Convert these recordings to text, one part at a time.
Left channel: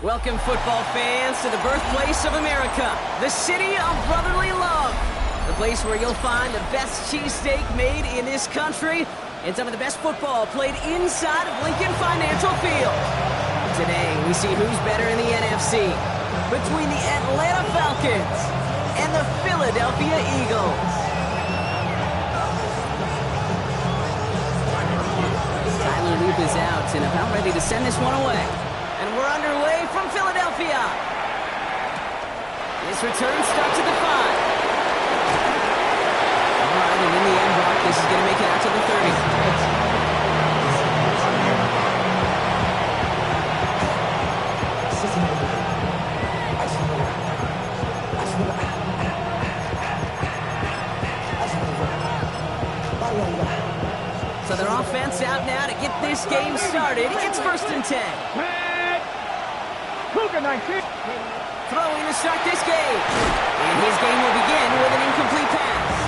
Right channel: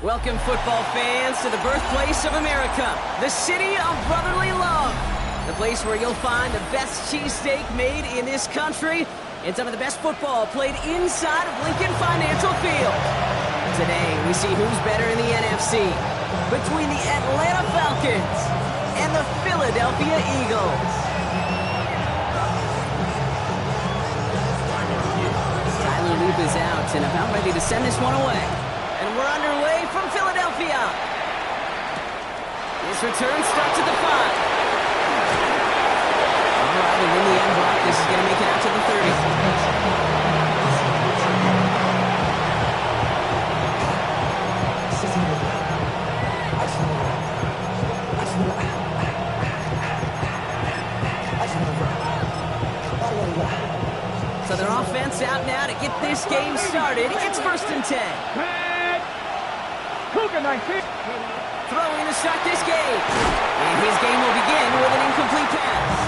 Welcome, football fans, to the birthplace of America, the city of brotherly love, the place where you'll find the best cheesesteak made in this country and some of the best football played inside of Lincoln Financial Field. Today, we see who's better in the NFC between the Atlanta Falcons and the Philadelphia Eagles. Tyler Loop is out and about ready to send this one away. And we're underway from Philadelphia. This return starts at the 5. All right, and in the end, Brock, this is going to make it out to the 30. So their offense out now to get this game started. It's 1st and 10. Cougar 19. Throwing to start this game. And his game will begin with an incomplete pass.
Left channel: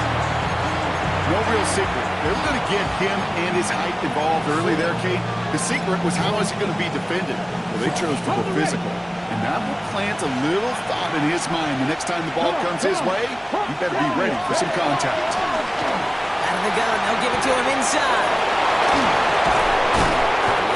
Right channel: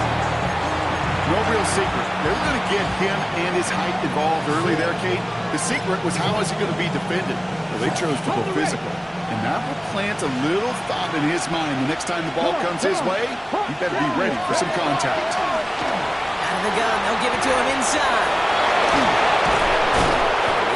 No real secret. They were going to get him and his height involved early there, Kate. The secret was how is he going to be defended? Well, they chose to go physical. And that will plant a little thought in his mind. The next time the ball comes his way, he better be ready for some contact. Out of the gun, they'll give it to him inside.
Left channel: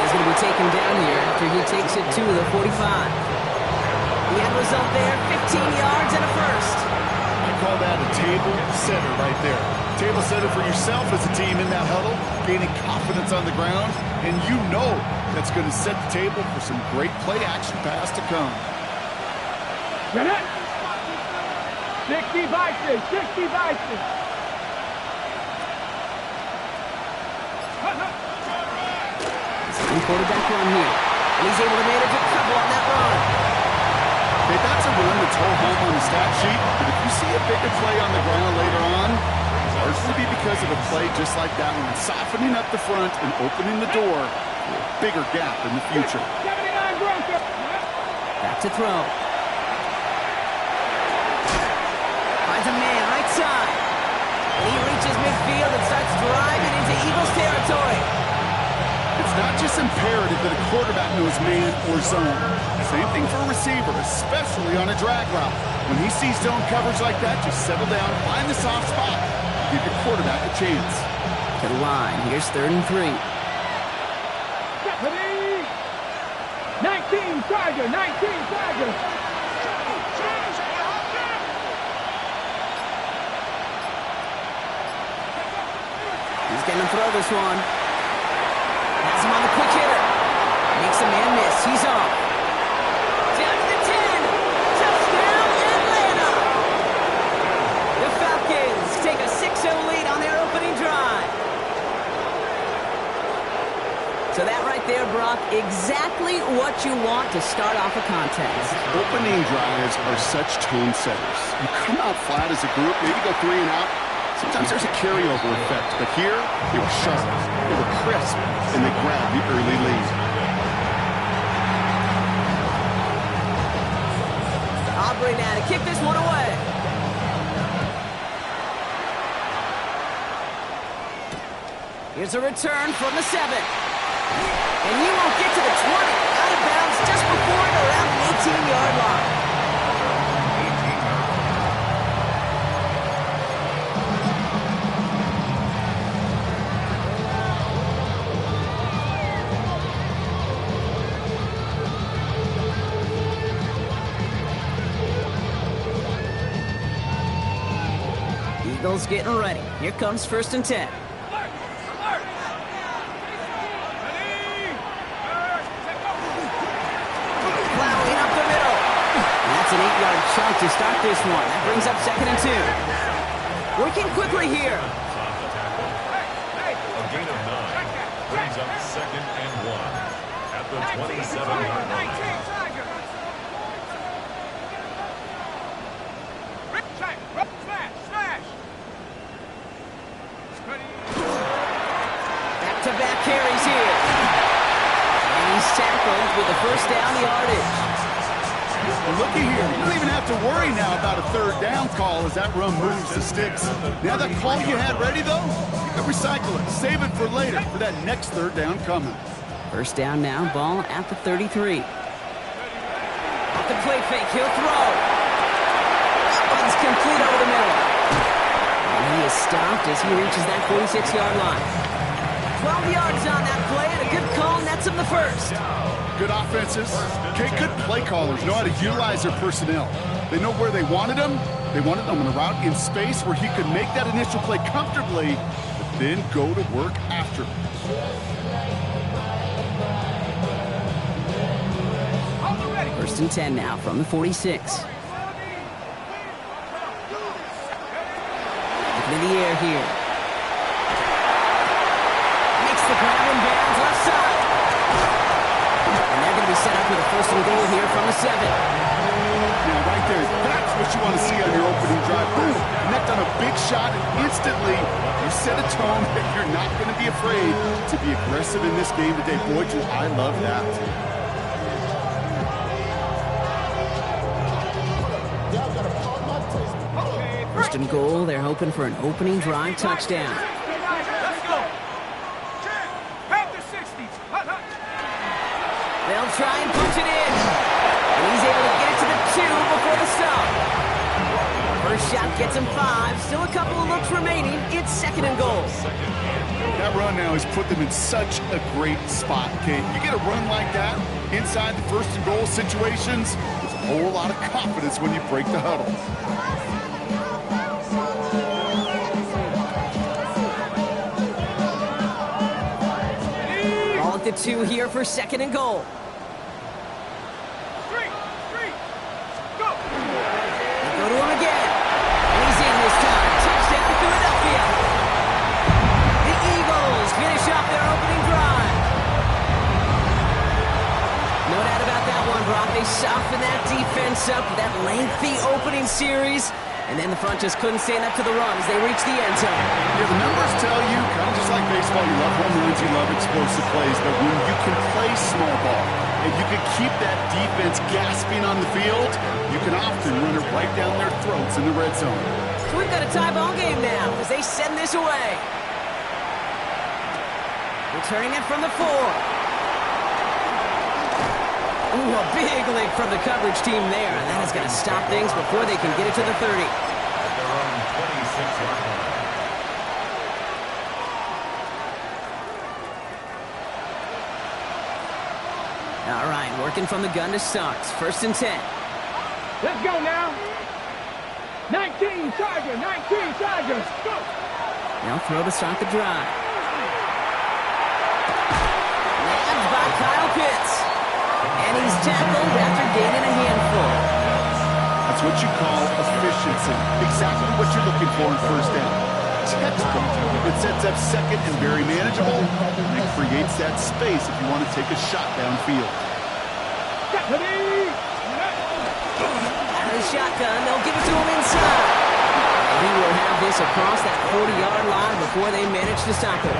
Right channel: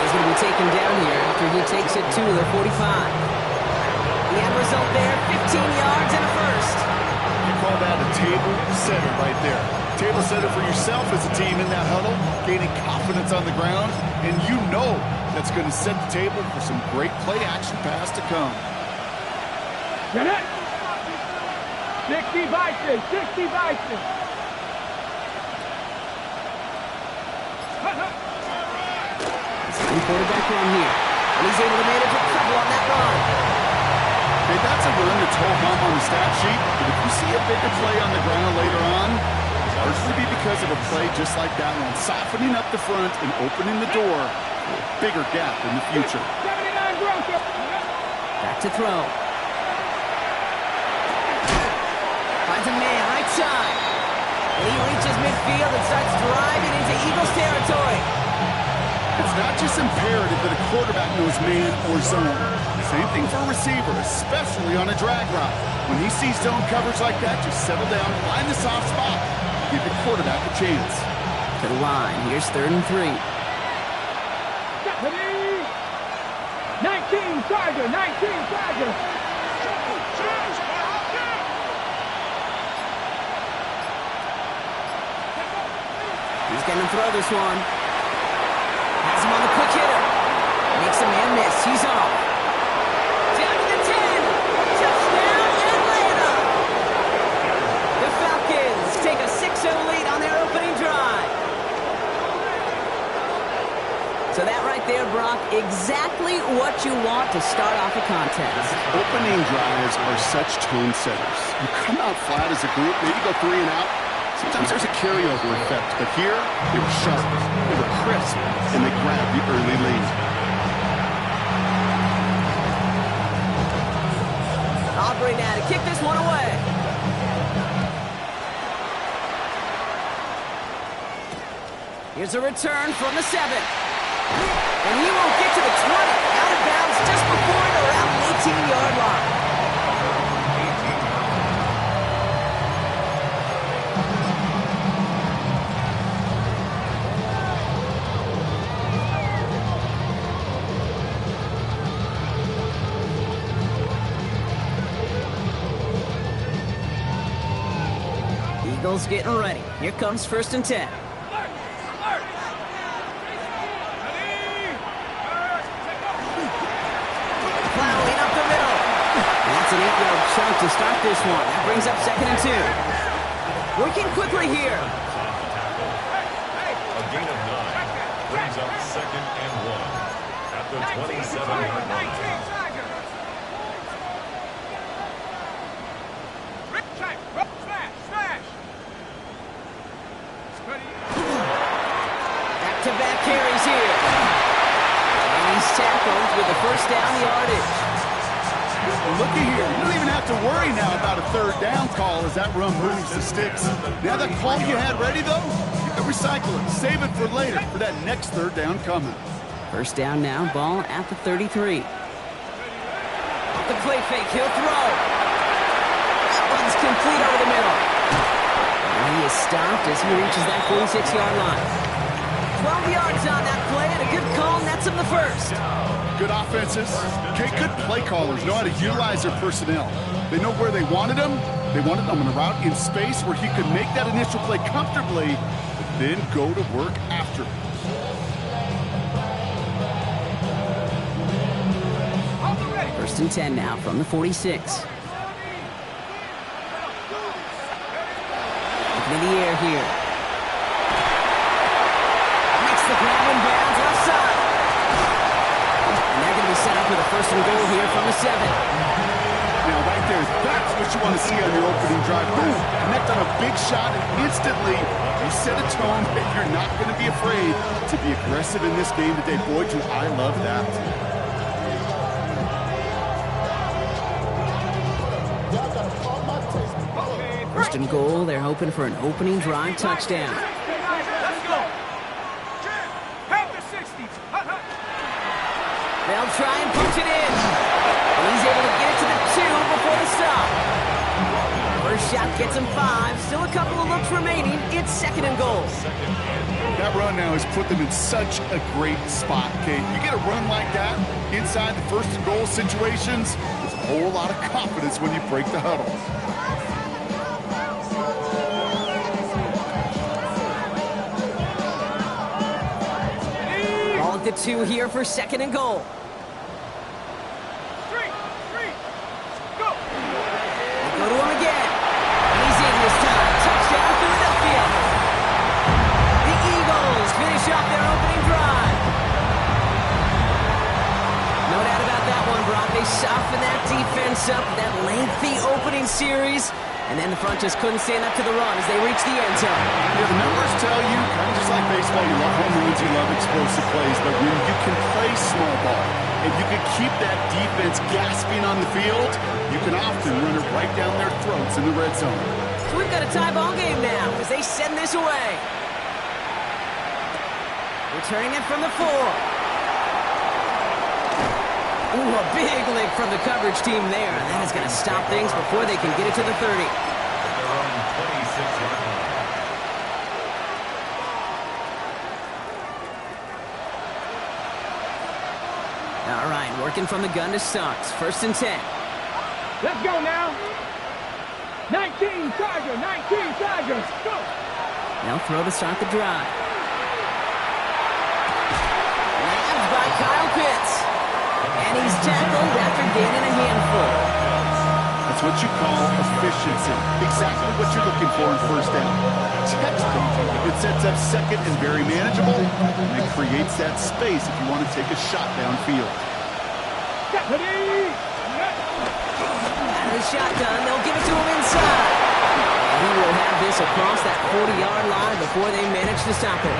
He's going to be taken down here after he takes it to the 45. The end result there, 15 yards and a first. I call that a table setter right there. Table setter for yourself as a team in that huddle, gaining confidence on the ground, and you know that's going to set the table for some great play-action pass to come. Get it! 60 Bison, 60 Bison. Quarterback run here, and he's able to manage a couple on that run. Okay, that's a run that's ho-hum on the stat sheet, but if you see a bigger play on the ground later on, largely be because of a play just like that one, softening up the front and opening the door for a bigger gap in the future. Back to throw. Finds a man right side, and he reaches midfield and starts driving into Eagles territory. It's not just imperative that a quarterback knows man or zone. Same thing for a receiver, especially on a drag route. When he sees zone coverage like that, just settle down, find the soft spot, give your quarterback a chance. To the line, here's 3rd and 3. 19 Tiger, 19 Tiger. He's going to throw this one. Has him on the quick hitter. Makes a man miss. He's off. Down to the 10. Touchdown, Atlanta. The Falcons take a 6-0 lead on their opening drive. So that right there, Brock, exactly what you want to start off a contest. Opening drives are such tone setters. You come out flat as a group, maybe go 3 and out. Sometimes there's a carryover effect, but here, they were sharp, they were crisp, and they grabbed the early lead. Aubrey now to kick this one away. Here's a return from the 7. And he won't get to the 20. Out of bounds just before it around the 18-yard line. Eagles getting ready. Here comes 1st and 10. Plowing up the middle. And that's an 8-yard chunk to start this one. That brings up 2nd and 2. Working quickly here. A gain of 9 brings up 2nd and 1 at the 27-yard line. Back-to-back carries here. And he's tackled with the 1st down yardage. Well, looky here. You don't even have to worry now about a 3rd down call as that run moves the sticks. Now that call you had ready, though, you can recycle it. Save it for later for that next 3rd down coming. First down now, ball at the 33. Off the play fake, he'll throw. That one's complete over the middle. And he is stopped as he reaches that 46-yard line. 12 yards on that play, and a good call nets him the first. Good offenses. Okay, good play callers know how to utilize their personnel. They know where they wanted them. They wanted them on a route in space where he could make that initial play comfortably, but then go to work after. First and 10 now from the 46. Looking in the air here. Makes the grab and bounds left side. And they're going to be set up with a first and goal here from the 7. Now, right there, that's what you want to see on your opening drive. Boom! Connect on a big shot, and instantly you set a tone that you're not going to be afraid to be aggressive in this game today. Boy, do I love that. First and goal, they're hoping for an opening drive touchdown. Let's go. Half the 60. They'll try and punch it in. And he's able to get it to the 2 before the stop. First shot gets him 5. Still a couple of looks remaining. It's second and goal. That run now has put them in such a great spot, Kate. You get a run like that inside the first and goal situations, there's a whole lot of confidence when you break the huddle. Ball at the 2 here for second and goal. Go. Go to him again. And he's in this time. Touchdown, Philadelphia. The Eagles finish off their opening drive. No doubt about that one, Brock. They softened that defense up with that lengthy opening series. And then the front just couldn't stand up to the run as they reached the end zone. Yeah, the numbers tell you, kind of just like baseball, you love home runs, you love explosive plays, but when you can play small ball and you can keep that defense gasping on the field, you can often run it right down their throats in the red zone. So we've got a tie ball game now as they send this away. Returning it from the 4. Ooh, a big lick from the coverage team there, and that is going to stop things before they can get it to the 30. At their own 26-yard line. All right, working from the gun to start. First and 10. Let's go now. 19 Tigers. 19 Tigers. Go. They'll throw to start the drive. Nabbed by Kyle Pitts. And he's tackled after gaining a handful. That's what you call efficiency. Exactly what you're looking for in first down. Textbook. It sets up second and very manageable, and it creates that space if you want to take a shot downfield. Deputy. Out of the shotgun, they'll give it to him inside. And he will have this across that 40-yard line before they manage to stop him.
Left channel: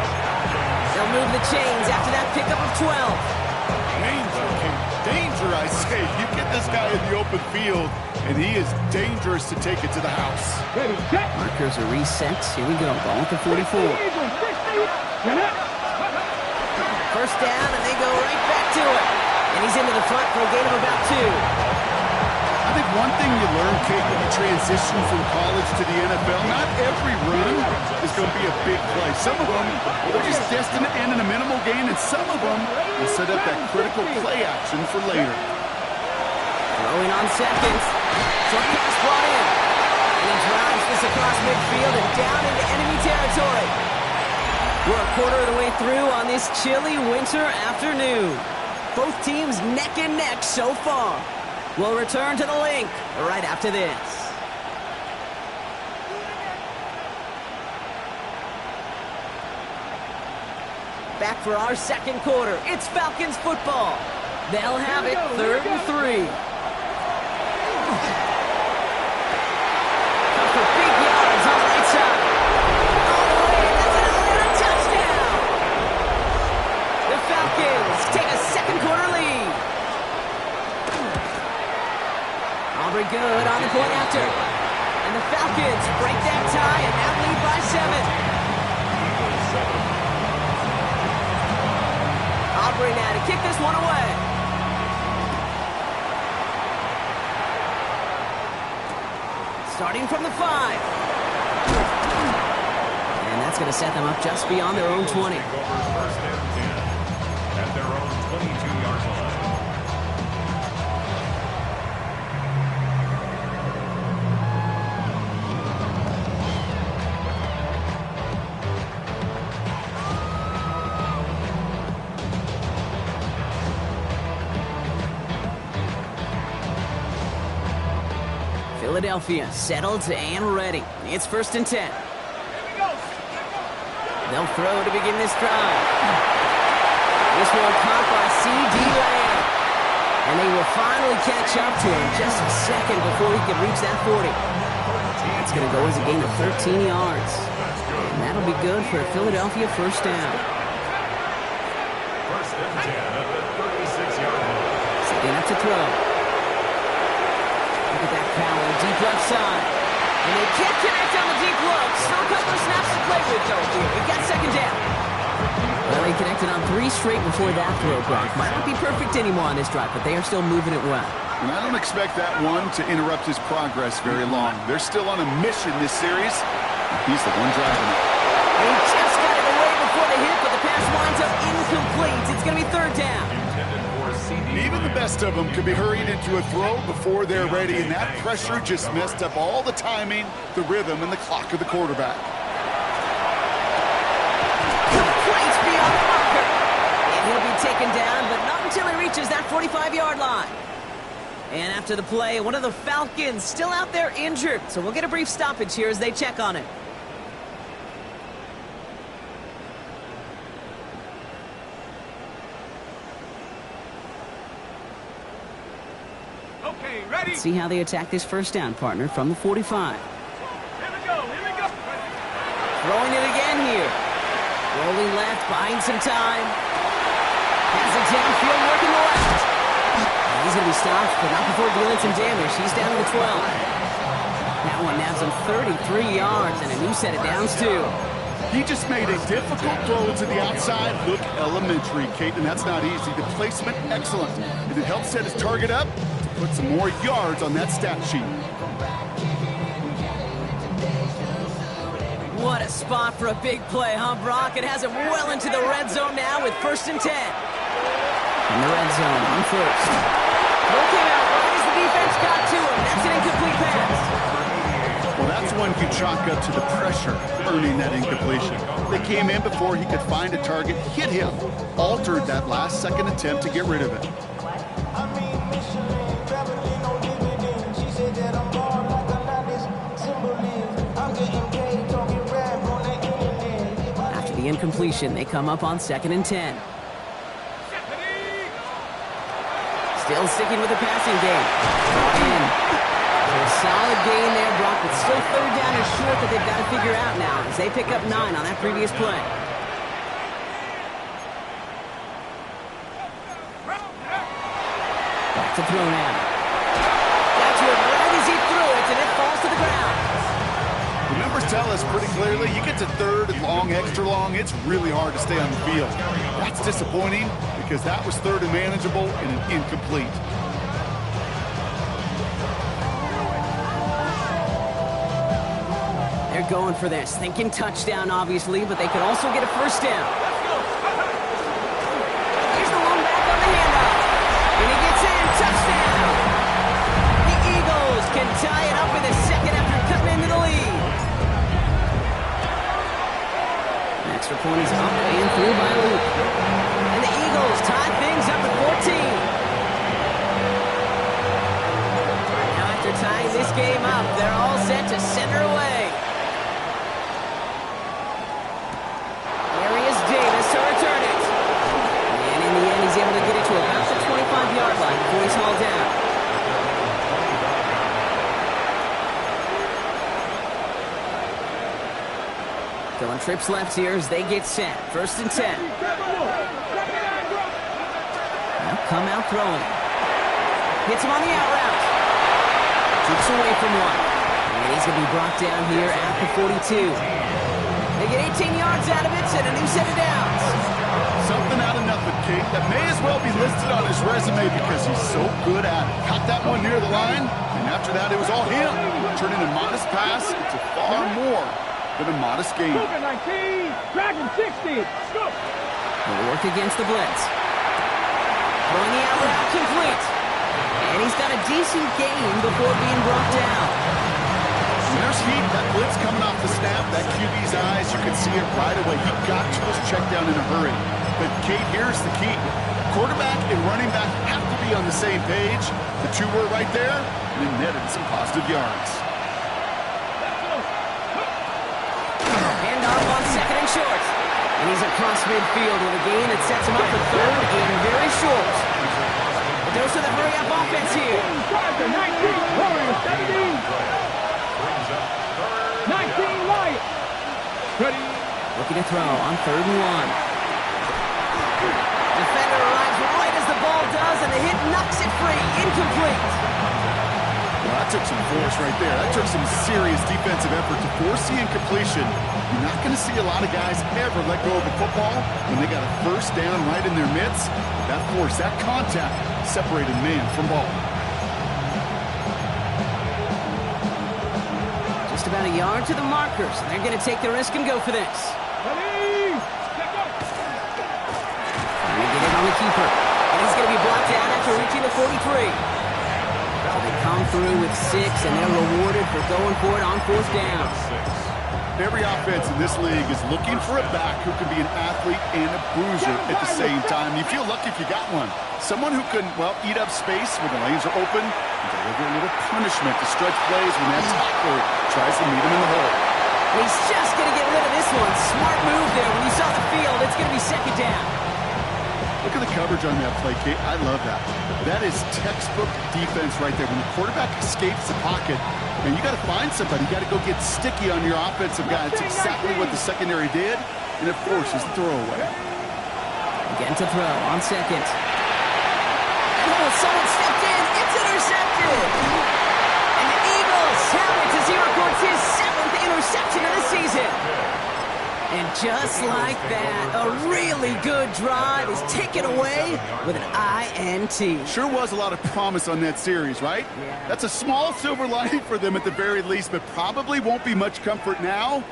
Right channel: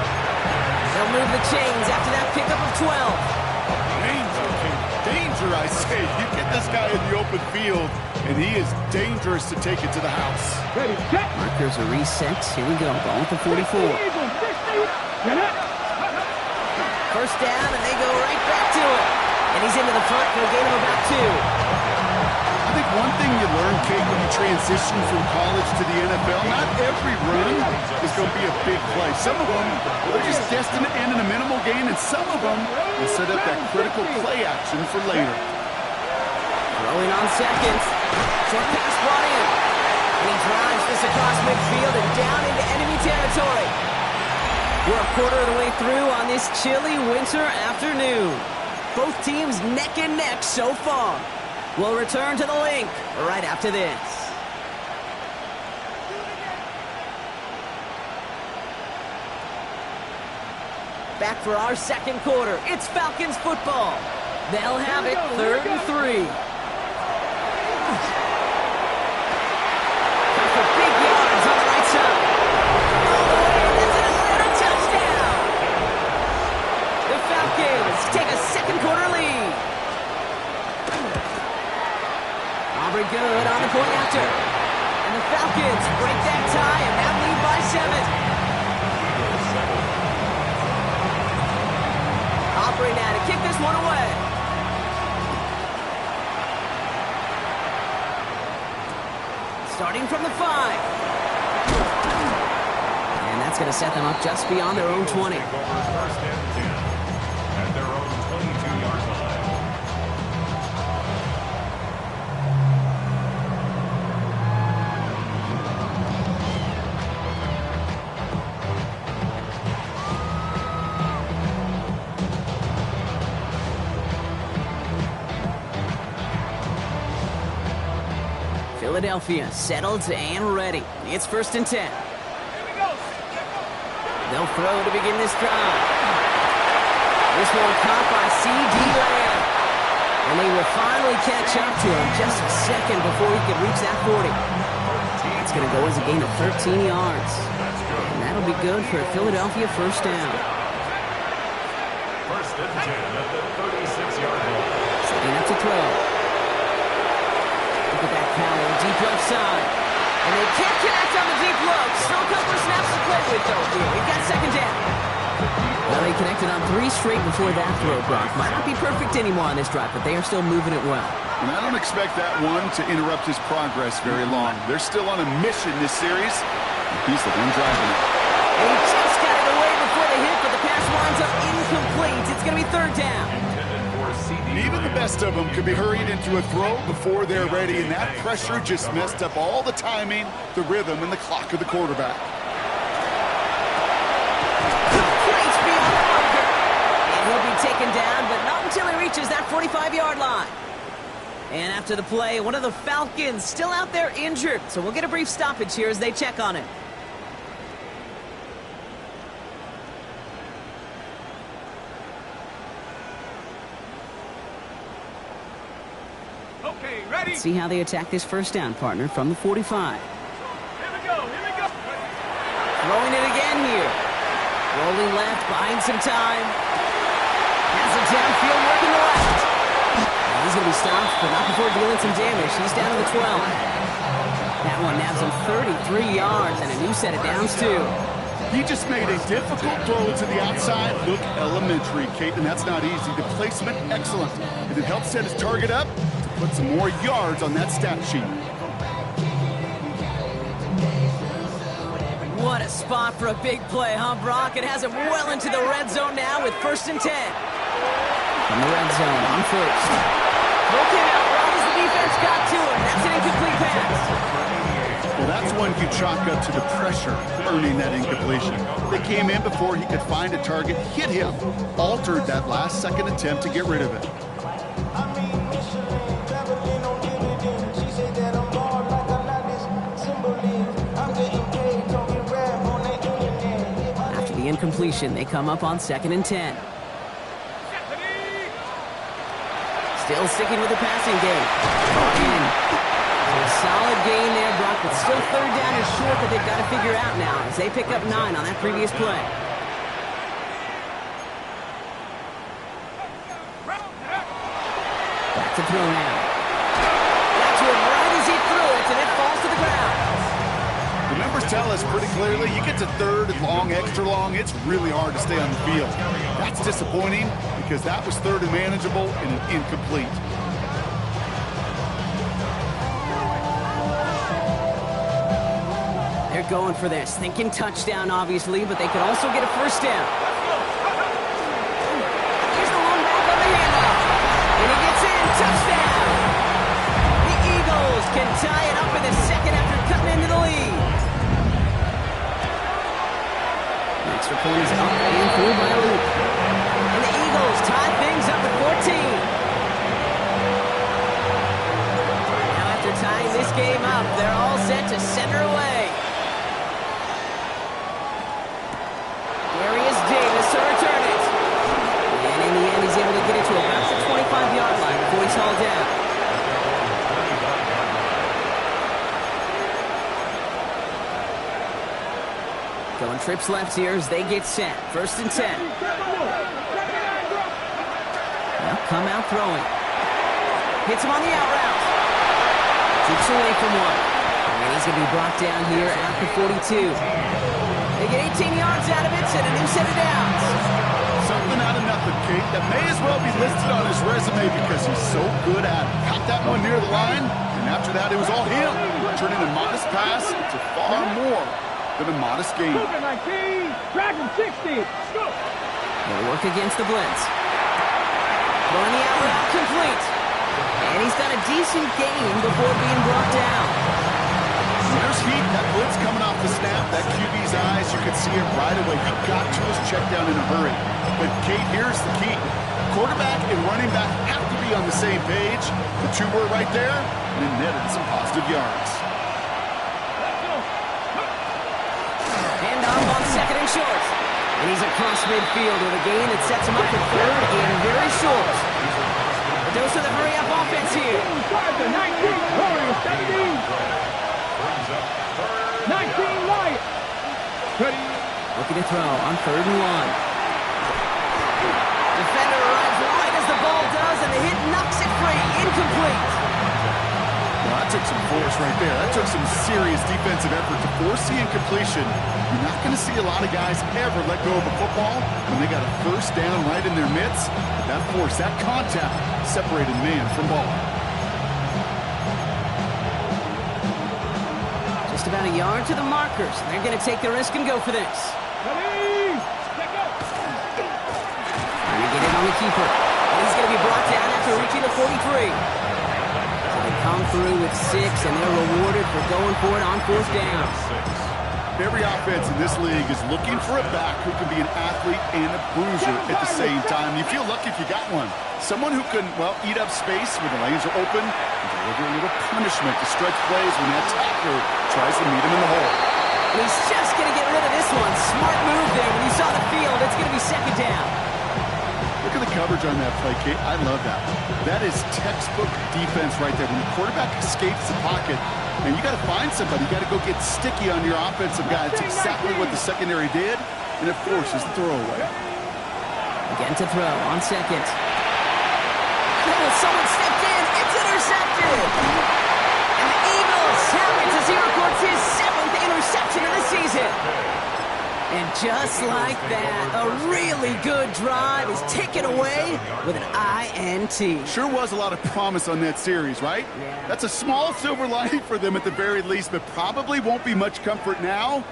They'll move the chains after that pickup of 12. Danger, I say. You get this guy in the open field, and he is dangerous to take it to the house. Ready, set. Markers are reset. Here we go. Ball at the 44. First down, and they go right back to it. And he's into the front for a gain of about 2. I think one thing you learn, Kate, when you transition from college to the NFL, not every run is going to be a big play. Some of them, they're just destined to end in a minimal gain, and some of them will set up that critical play action for later. Throwing on seconds. Short pass brought in. And he drives this across midfield and down into enemy territory. We're a quarter of the way through on this chilly winter afternoon. Both teams neck and neck so far. We'll return to the link right after this. Back for our second quarter. It's Falcons football. They'll have it 3rd and 3. Come for big yards on the right side. All the way, that's an Atlanta touchdown. The Falcons take a second quarter lead. Aubrey good on the point after. And the Falcons break that tie and now lead by 7. Aubrey now to kick this one away. Starting from the 5. And that's going to set them up just beyond their own 20. Take over first and 10 at their own 22-yard line. Philadelphia settled and ready. It's first and 10. They'll throw to begin this drive. This one caught by C.D. Lamb. And they will finally catch up to him just a second before he could reach that 40. That's going to go as a gain of 13 yards. And that'll be good for a Philadelphia first down. First and 10 at the 36-yard line. Setting up to throw. Look at that power, deep left side. And they can't connect on the deep look. Still a couple of snaps to play with, though, here. We've got second down. Well, they connected on 3 straight before that throw, Brock. Might not be perfect anymore on this drive, but they are still moving it well. And I don't expect that one to interrupt his progress very long. They're still on a mission this series. He's the one driving it. And he just got it away before the hit, but the pass winds up incomplete. It's going to be third down. Even the best of them could be hurried into a throw before they're ready, and that pressure just messed up all the timing, the rhythm, and the clock of the quarterback. Complete beyond the marker. And he'll be taken down, but not until he reaches that 45-yard line. And after the play, one of the Falcons still out there injured, so we'll get a brief stoppage here as they check on him. Okay, ready? See how they attack this first down, partner, from the 45. Here we go, here we go. Throwing it again here. Rolling left, buying some time. Has it downfield, working the left. And he's going to be stopped, but not before dealing some damage. He's down to the 12. That one nabs him 33 yards and a new set of downs, too. He just made a difficult throw to the outside look elementary, Kate, and that's not easy. The placement, excellent. And it helps set his target up to put some more yards on that stat sheet. What a spot for a big play, huh, Brock? It has him well into the red zone now with first and 10. From the red zone on first. Throw came out right as the defense got to him. That's an incomplete pass. Well, that's one you chalk up to the pressure, earning that incompletion. They came in before he could find a target, hit him, altered that last-second attempt to get rid of it. After the incompletion, they come up on second and 10. Still sticking with the passing game. Brought in. So a solid gain there, Brock, but still third down is short that they've got to figure out now as they pick up 9 on that previous play. Back to throw now. Got to it right as he threw it, and it falls to the ground. The numbers tell us pretty clearly, you get to third and long, extra long, it's really hard to stay on the field. That's disappointing because that was third and manageable and an incomplete. They're going for this, thinking touchdown, obviously, but they could also get a first down. Here's the long back on the handoff. And he gets in, touchdown. The Eagles can tie it up in the second after cutting into the lead. An extra point is up and through by Luke. And the Eagles tie things up at 14. Now after tying this game up, they're all set to center away. Davis to return it. And in the end, he's able to get it to about the 25-yard line before he's hauled down. Going trips left here as they get set. First and 10. Now come out throwing. Hits him on the out route. Keeps away from one. And he's going to be brought down here at the 42. They get 18 yards out of it and a new set of downs. Something out of nothing, Kate. That may as well be listed on his resume because he's so good at it. Caught that one near the line, and after that, it was all him. Turning a modest pass into far more than a modest gain. Dragon 60. Go. They'll work against the blitz. Throwing the out route complete. And he's got a decent gain before being brought down. When there's heat, that blitz coming off the snap, that QB's eyes, you can see it right away. He got to his check down in a hurry. But, Kate, here's the key. Quarterback and running back have to be on the same page. The two were right there, and it netted some positive yards. Hand off on second and short. And he's across midfield with a gain that sets him up for third and very short. A dose of the hurry-up offense here. 19, Warriors 17. 19, Lions. Ready. Looking to throw on 3rd and 1. Defender arrives right as the ball does, and the hit knocks it free. Incomplete. Well, that took some force right there. That took some serious defensive effort to force the incompletion. You're not going to see a lot of guys ever let go of a football when they got a first down right in their midst. But that force, that contact, separated man from ball. Just about a yard to the markers. They're going to take the risk and go for this. Ready. Trying to get in on the keeper. And he's going to be brought down after reaching the 43. So they come through with 6, and they're rewarded for going for it on 4th down. Every offense in this league is looking for a back who can be an athlete and a bruiser at the same time. You feel lucky if you got one. Someone who can, well, eat up space when the lanes are open and deliver a little punishment to stretch plays when that tackler tries to meet him in the hole. And he's just going to get rid of this one. Smart move there. When you saw the field, it's going to be 2nd down. Look at the coverage on that play, Kate. I love that. That is textbook defense right there. When the quarterback escapes the pocket, man, you got to find somebody. You got to go get sticky on your offensive guy. That's exactly what the secondary did, and it forces the throwaway. Again to throw on 2nd. Oh, someone stepped in. It's intercepted. And the Eagles have it as he records his 7th interception of the season. And just like that, a really good drive is taken away with an INT. Sure was a lot of promise on that series, right? Yeah. That's a small silver lining for them at the very least, but probably won't be much comfort now.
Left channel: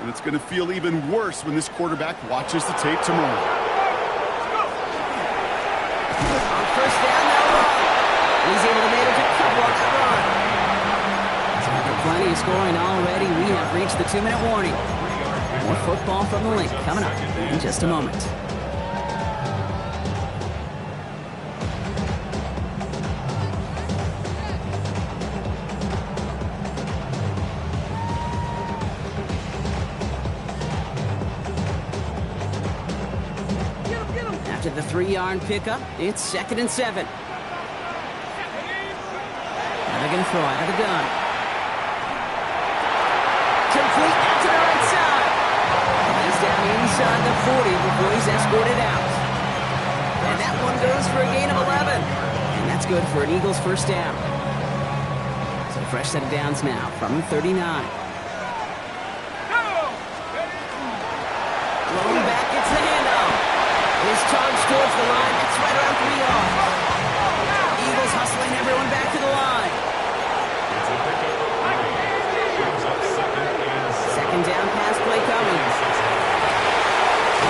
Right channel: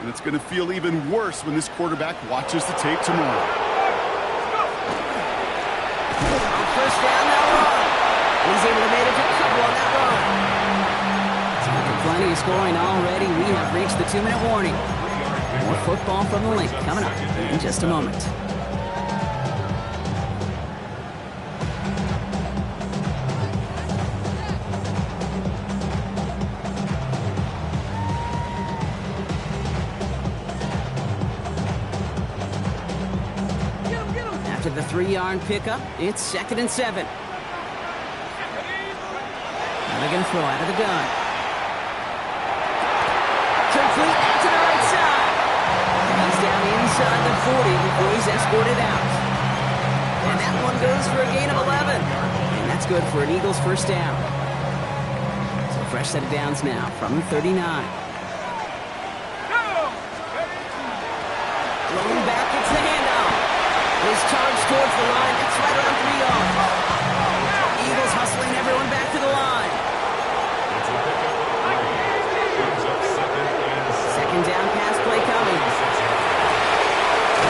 And it's going to feel even worse when this quarterback watches the tape tomorrow. On 1st down, they'll run. And he's able to manage a couple on that run. So after plenty of scoring already, we have reached the 2-minute warning. More football from the link coming up in just a moment. After the 3-yard pickup, it's 2nd and 7. Now they're going to throw out of the gun. Complete out to the right side. He's down inside the 40 before he's escorted out. And that one goes for a gain of 11. And that's good for an Eagles 1st down. So fresh set of downs now from the 39. Blown back, it's the handoff. His charge towards the line, that's right around 3 yards. Eagles hustling everyone back to the line. It's a pickup of 3. Brings up 2nd and 7. 2nd down pass play coming.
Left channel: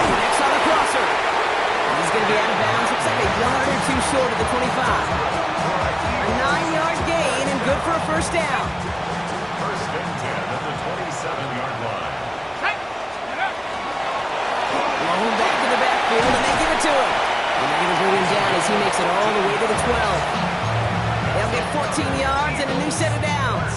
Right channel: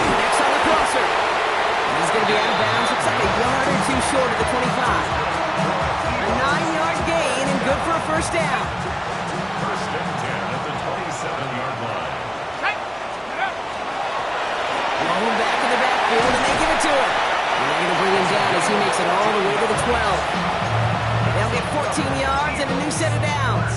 Next on the crosser. He's going to be out of bounds. Looks like a yard or 2 short of the 25. A 9-yard gain and good for a 1st down. 1st and 10 at the 27-yard line. Blown back in the backfield, and they give it to him. And they're going to bring him down as he makes it all the way to the 12. They'll get 14 yards and a new set of downs.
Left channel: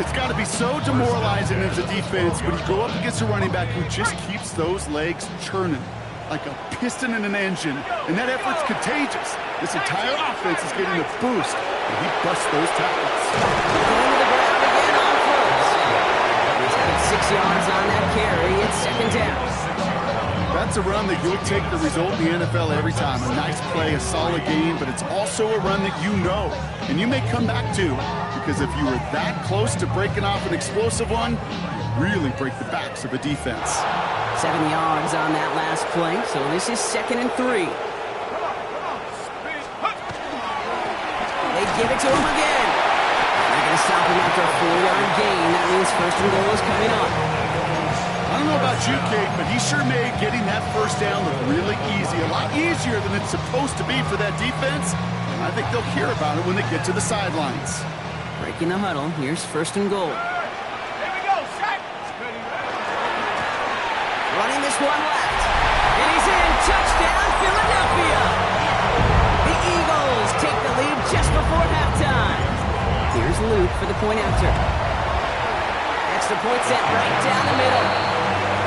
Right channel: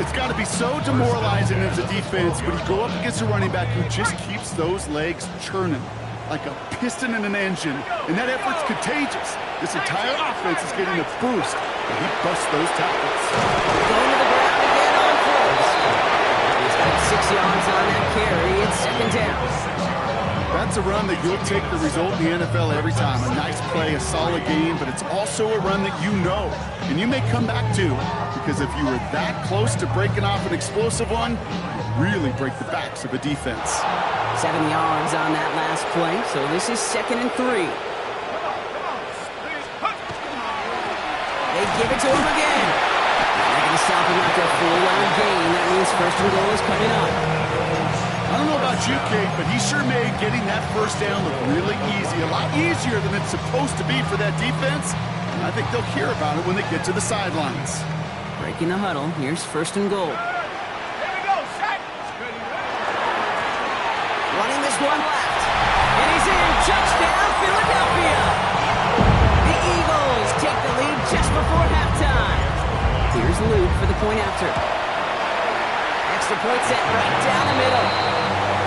It's got to be so demoralizing as a defense when you go up against a running back who just keeps those legs churning like a piston in an engine, and that effort's contagious. This entire offense is getting a boost when he busts those tackles. Going to the ground again on first. He's got 6 yards on that carry. It's 2nd down. That's a run that you'll take the result in the NFL every time. A nice play, a solid game, but it's also a run that you know, and you may come back to, because if you were that close to breaking off an explosive one, you really break the backs of a defense. 7 yards on that last play, so this is 2nd and 3. They give it to him again. And they're going to stop him after a 4-yard gain. That means 1st and goal is coming up. I don't know about you, Kate, but he sure made getting that first down look really easy. A lot easier than it's supposed to be for that defense. And I think they'll hear about it when they get to the sidelines. Breaking the huddle. Here's 1st and goal. Here we go, set. Running this one left. And he's in. Touchdown, Philadelphia. The Eagles take the lead just before halftime. Here's Luke for the point after. Extra point set right down the middle.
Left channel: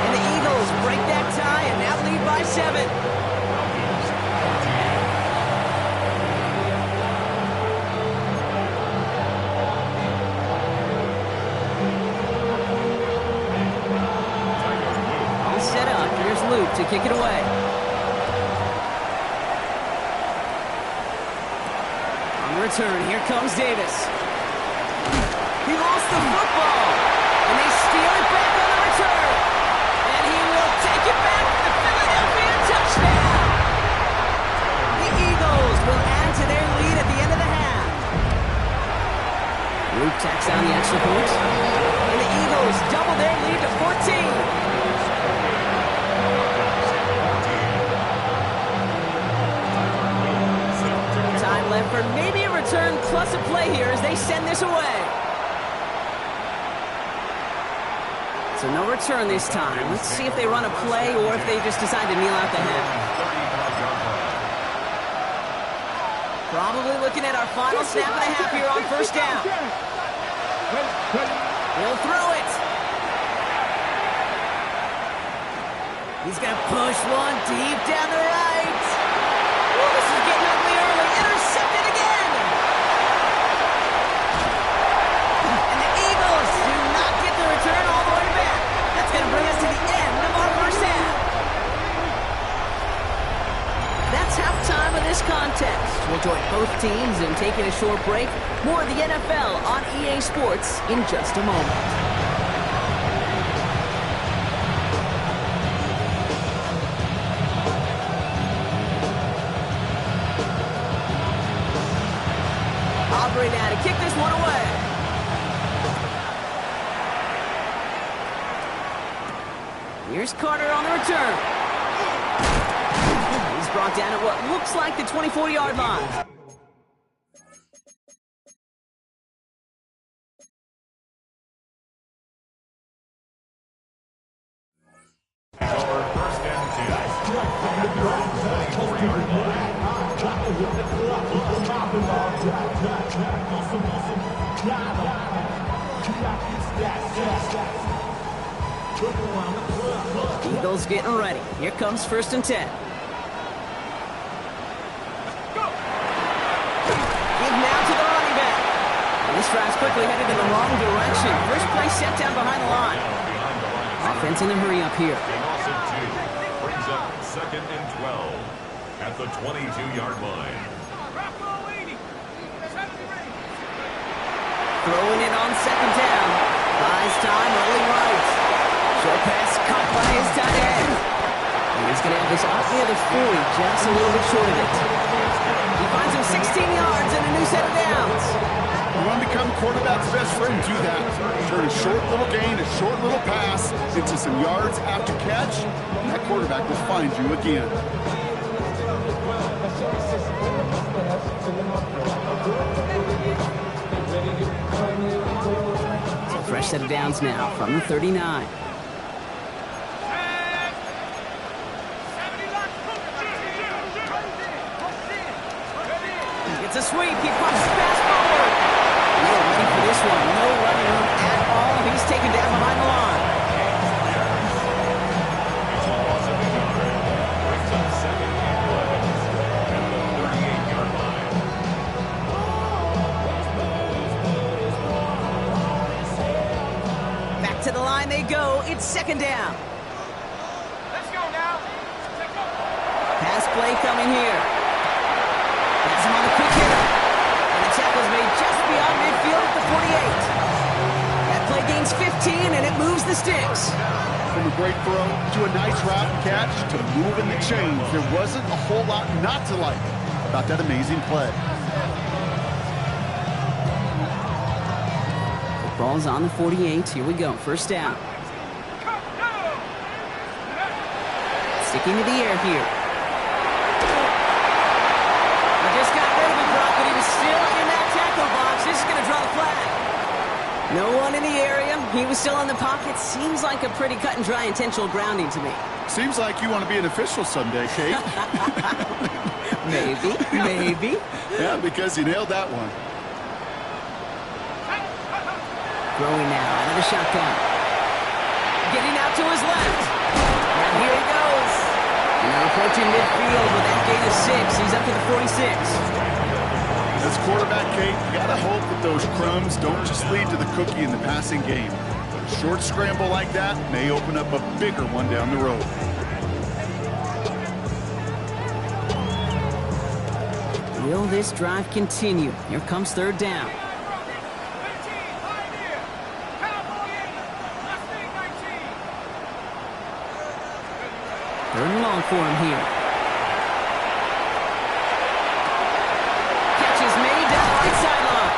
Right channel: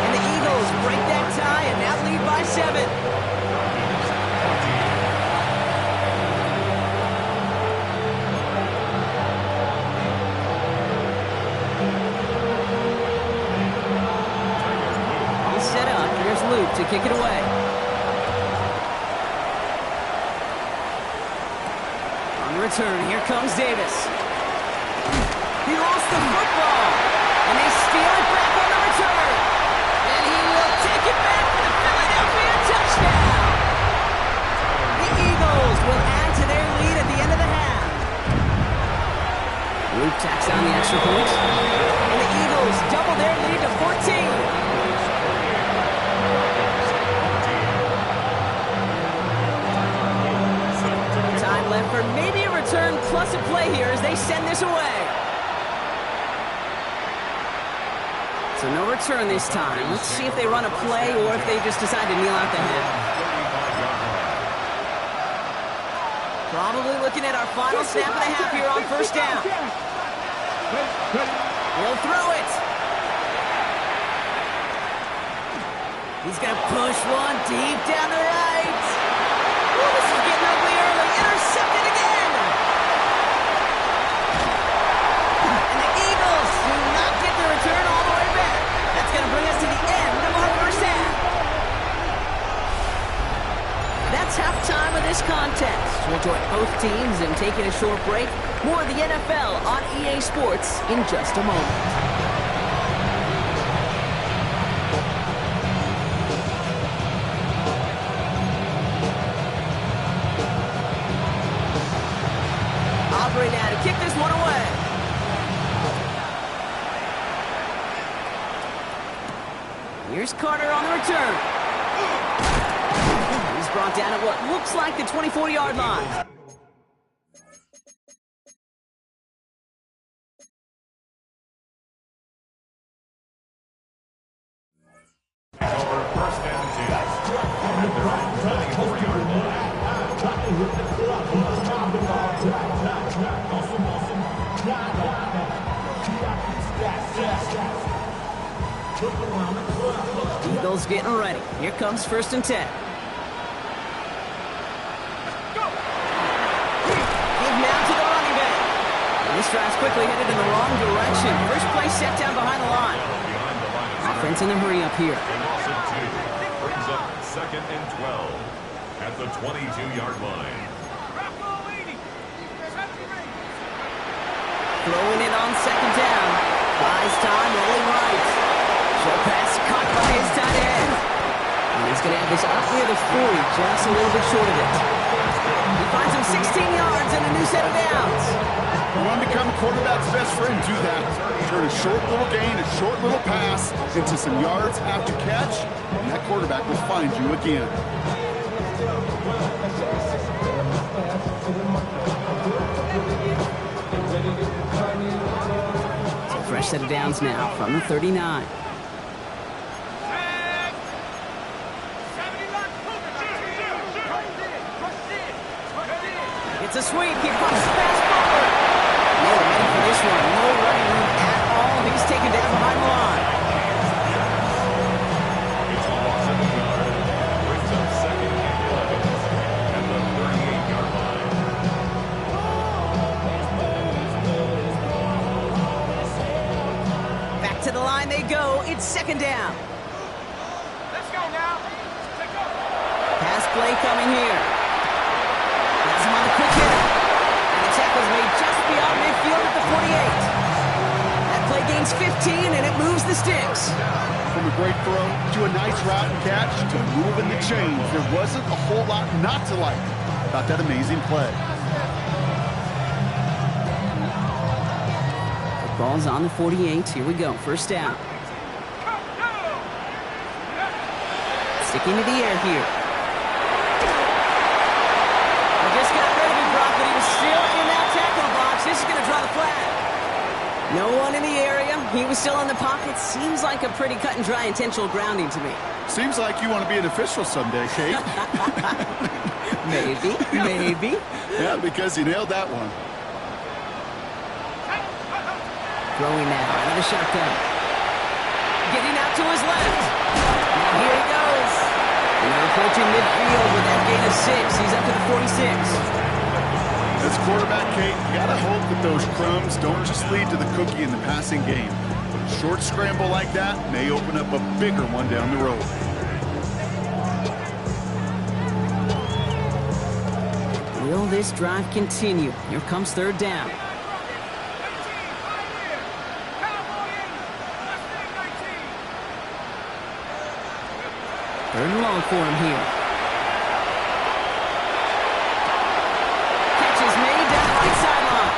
And the Eagles break that tie and now lead by 7. All set up. Here's Luke to kick it away. On the return, here comes Davis. He lost the football. And they steal it back on the return. And he will take it back for the Philadelphia touchdown. The Eagles will add to their lead at the end of the half. Luke tacks on the extra point. And the Eagles double their lead to 14. Time left for maybe a return plus a play here as they send this away. So no return this time. Let's see if they run a play or if they just decide to kneel out the half. Probably looking at our final snap of the half here on 1st down. He'll throw it. He's going to push one deep down the right. Ooh, this is getting ugly early. Intercepted again. And the Eagles do not get the return all the way back. That's going to bring us to the end of our first half. That's halftime of this contest. We'll join both teams in taking a short break. More of the NFL on EA Sports in just a moment. Aubrey now to kick this one away. Here's Carter on the return. He's brought down at what looks like the 24-yard line. Over 1st and 10 at their own 24-yard line. Eagles getting ready. Here comes 1st and 10. Give now to the running back. And this drive's quickly headed in the wrong direction. First play set down behind the line. Offense in the hurry up here. They lost it 2. Brings up 2nd and 12 at the 22-yard line. Throwing it on 2nd down. Buys time, rolling right. Short pass caught by his tight end. And he's going to have this up near the 40, just a little bit short of it. He finds him 16 yards and a new set of downs. You want to become a quarterback's best friend, do that. Turn a short little gain, a short little pass into some yards after catch, and that quarterback will find you again. So fresh set of downs now from the 39. It's a sweep. He pops the pass forward. And they were ready for this one. No running room at all. He's taken down behind the line. It's a loss of a yard. Brings up 2nd and 11 at the 38-yard line. Back to the line they go. It's 2nd down. Let's go now. Let's go. Pass play coming here. Has him on the quick hitter. And the tackle's made just beyond midfield at the 48. That play gains 15, and it moves the sticks. From a great throw to a nice route and catch to moving the chains, there wasn't a whole lot not to like about that amazing play. The ball's on the 48. Here we go. First down. Sticking to the air here. I just got rid of it, Brock, but he was still in that tackle box. This is going to draw the flag. No one in the area. He was still in the pocket. Seems like a pretty cut and dry intentional grounding to me. Seems like you want to be an official someday, Kate. Maybe. Yeah, because you nailed that one. Throwing now out of the shotgun. Getting out to his left. Now here he goes. And they're approaching midfield with that gain of 6. He's up to the 46. As quarterback, Kate, you got to hope that those crumbs don't just lead to the cookie in the passing game. But a short scramble like that may open up a bigger one down the road. Will this drive continue? Here comes third down. Third and long for him here. Catch is made down the right sideline.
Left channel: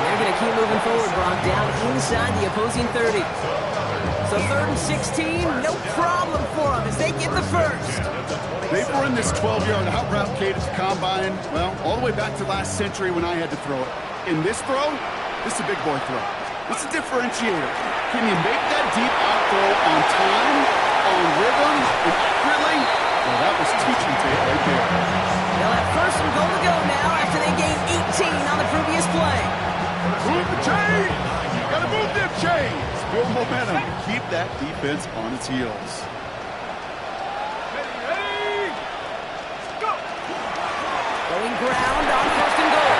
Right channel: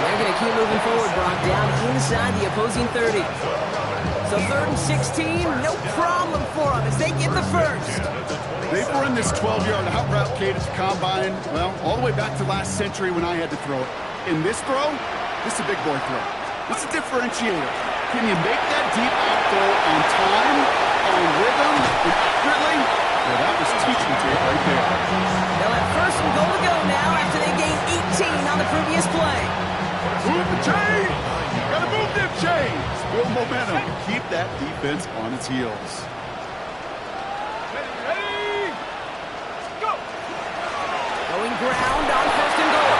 They're going to keep moving forward, Brock, down inside the opposing 30. So third and 16, no problem for them as they get the first. They've run this 12-yard out route, Kate, at the combine, well, all the way back to last century when I had to throw it. In this throw, this is a big boy throw. This is a differentiator. Can you make that deep out throw on time, on rhythm, and accurately? Well, that was teaching tape right there. They'll have first and goal to go now after they gained 18 on the previous play. Move the chains! Gotta move them chains! Build momentum and keep that defense on its heels. Ready, go! Going ground on first and goal.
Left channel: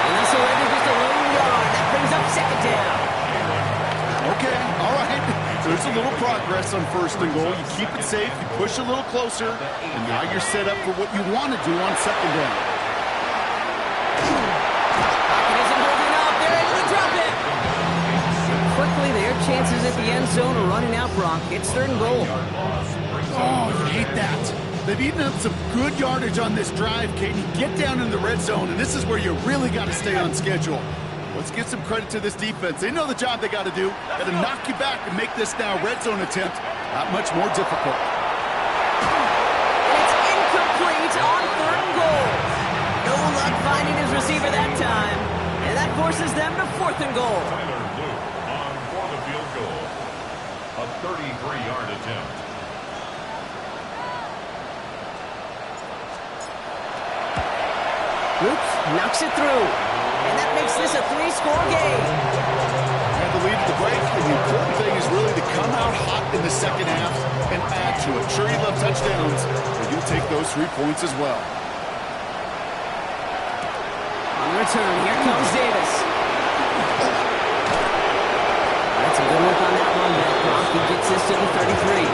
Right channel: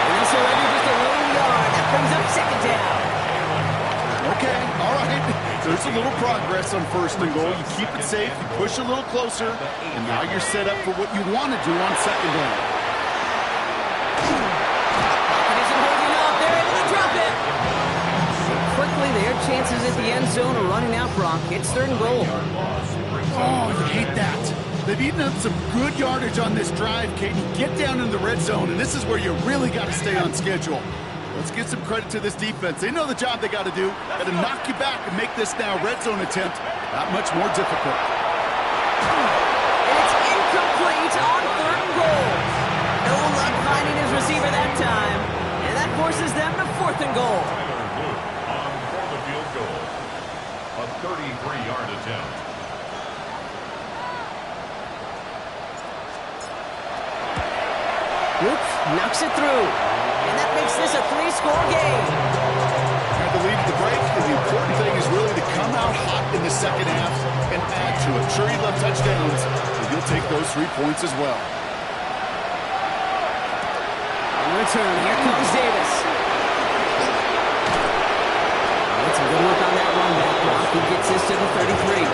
And they'll surrender just a lone yard. That brings up second down. Okay, all right. There's a little progress on first and goal. You keep it safe, you push a little closer, and now you're set up for what you want to do on second down. Pocket isn't holding up. They're able to drop it. And quickly, their chances at the end zone are running out, Brock. It's third and goal. Oh, you hate that. They've eaten up some good yardage on this drive, Kate. You get down in the red zone, and this is where you really got to stay on schedule. Let's give some credit to this defense. They know the job they got to do. Got to knock you back and make this now red zone attempt that much more difficult. And it's incomplete on third and goal. No luck finding his receiver that time. And that forces them to fourth and goal. Tyler Luke on for the field goal. A 33-yard attempt. Luke knocks it through. And that makes this a 3-score game. Had the lead at the break, and the important thing is really to come out hot in the second half and add to it. Sure, you love touchdowns, but you'll take those 3 points as well. On return, here comes Davis. That's some good work on that run back, Brock. He gets this to the 33.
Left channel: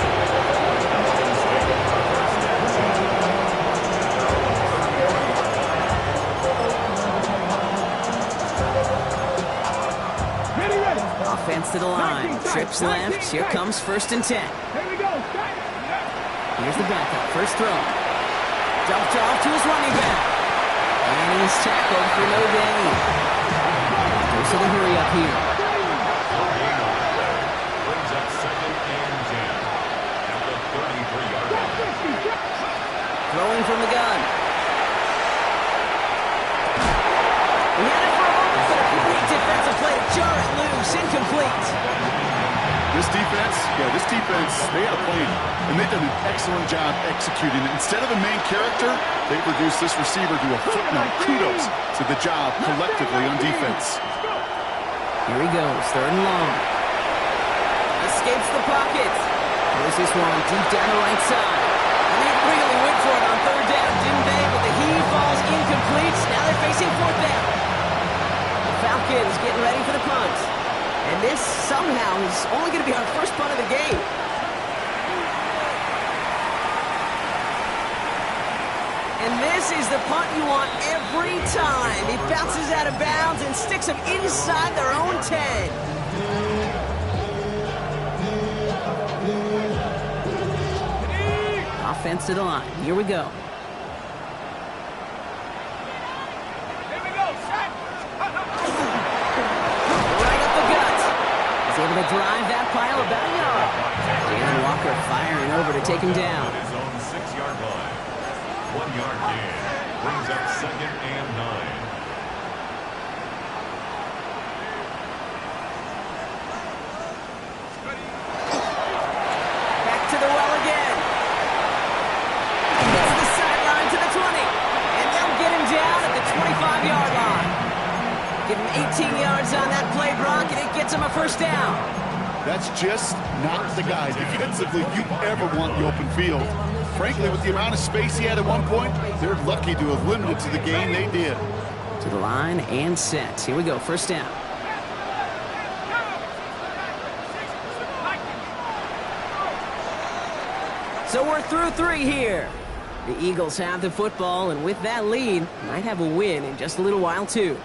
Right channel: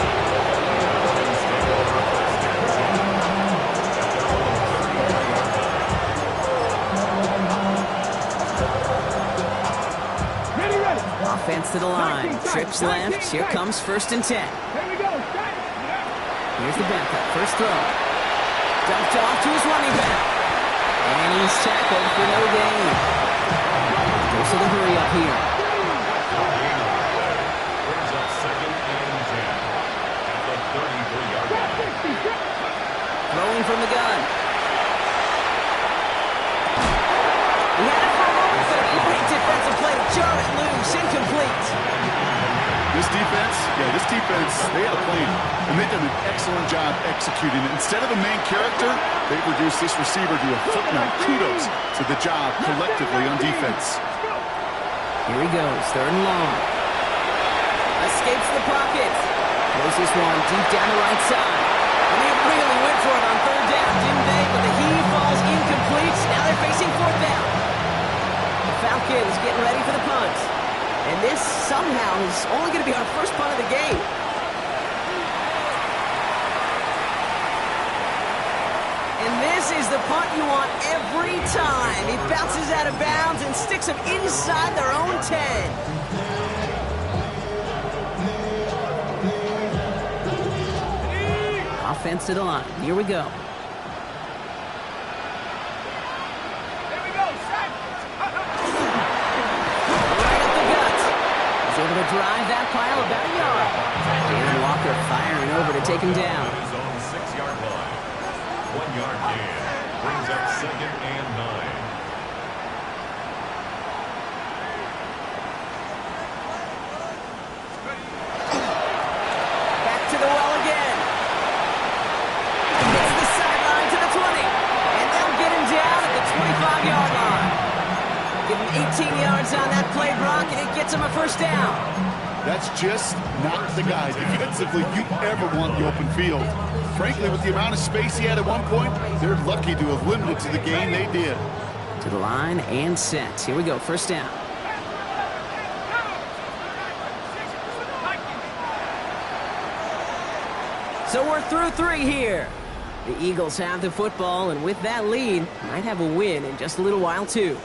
Offense to the line. Trips left. Here comes first and 10. Here we go. Here's the backup. First throw. Dumped off to his running back. And he's tackled for no gain. Goes to the hurry up here. Brings up second and 10 at the 33-yard line. Throwing from the gun. We had it for a moment, but a great defensive play to jar it loose. Incomplete. This defense, they had a plan, and they've done an excellent job executing it. Instead of a main character, they've reduced this receiver to a footnote. Kudos to the job collectively on defense. Here he goes, third and long. Escapes the pocket. Throws this one deep down the right side. And they really went for it on third down, didn't they? But the heave falls incomplete. Now they're facing fourth down. The Falcons getting ready for the punt. And this somehow is only going to be our first punt of the game. And this is the punt you want every time. He bounces out of bounds and sticks them inside their own 10. Offense to the line. Here we go. Here we go, set. Right up the gut. He's able to drive that pile about a yard. Jalen Walker firing over to take him down. His own 6-yard line. 1-yard gain. Brings up 2nd and 9. Back to the well again. Gets the sideline to the 20. And they'll get him down at the 25-yard line. Give him 18 yards on that play, Brock, and it gets him a first down. That's just not the guy defensively you ever want the open field. Frankly, with the amount of space he had at one point, they're lucky to have limited to the game they did. To the line and set. Here we go, first down. So we're through 3 here. The Eagles have the football, and with that lead, might have a win in just a little while, too.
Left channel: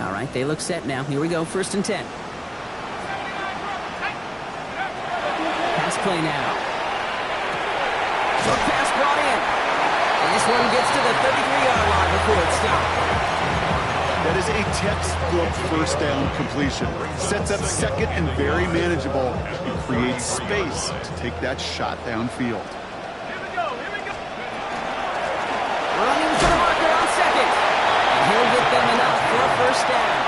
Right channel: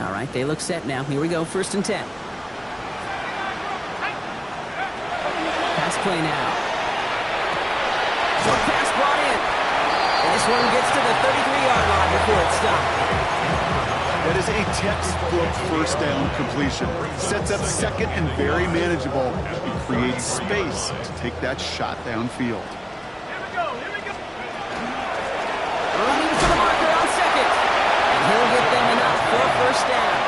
All right, they look set now. Here we go, 1st and 10. Pass play now. Short pass brought in. And this one gets to the 33-yard line before it's stopped. That is a textbook first down completion. Sets up 2nd and very manageable and creates space to take that shot downfield. Here we go, here we go. Running for the marker on 2nd. And he'll get them enough for a first down.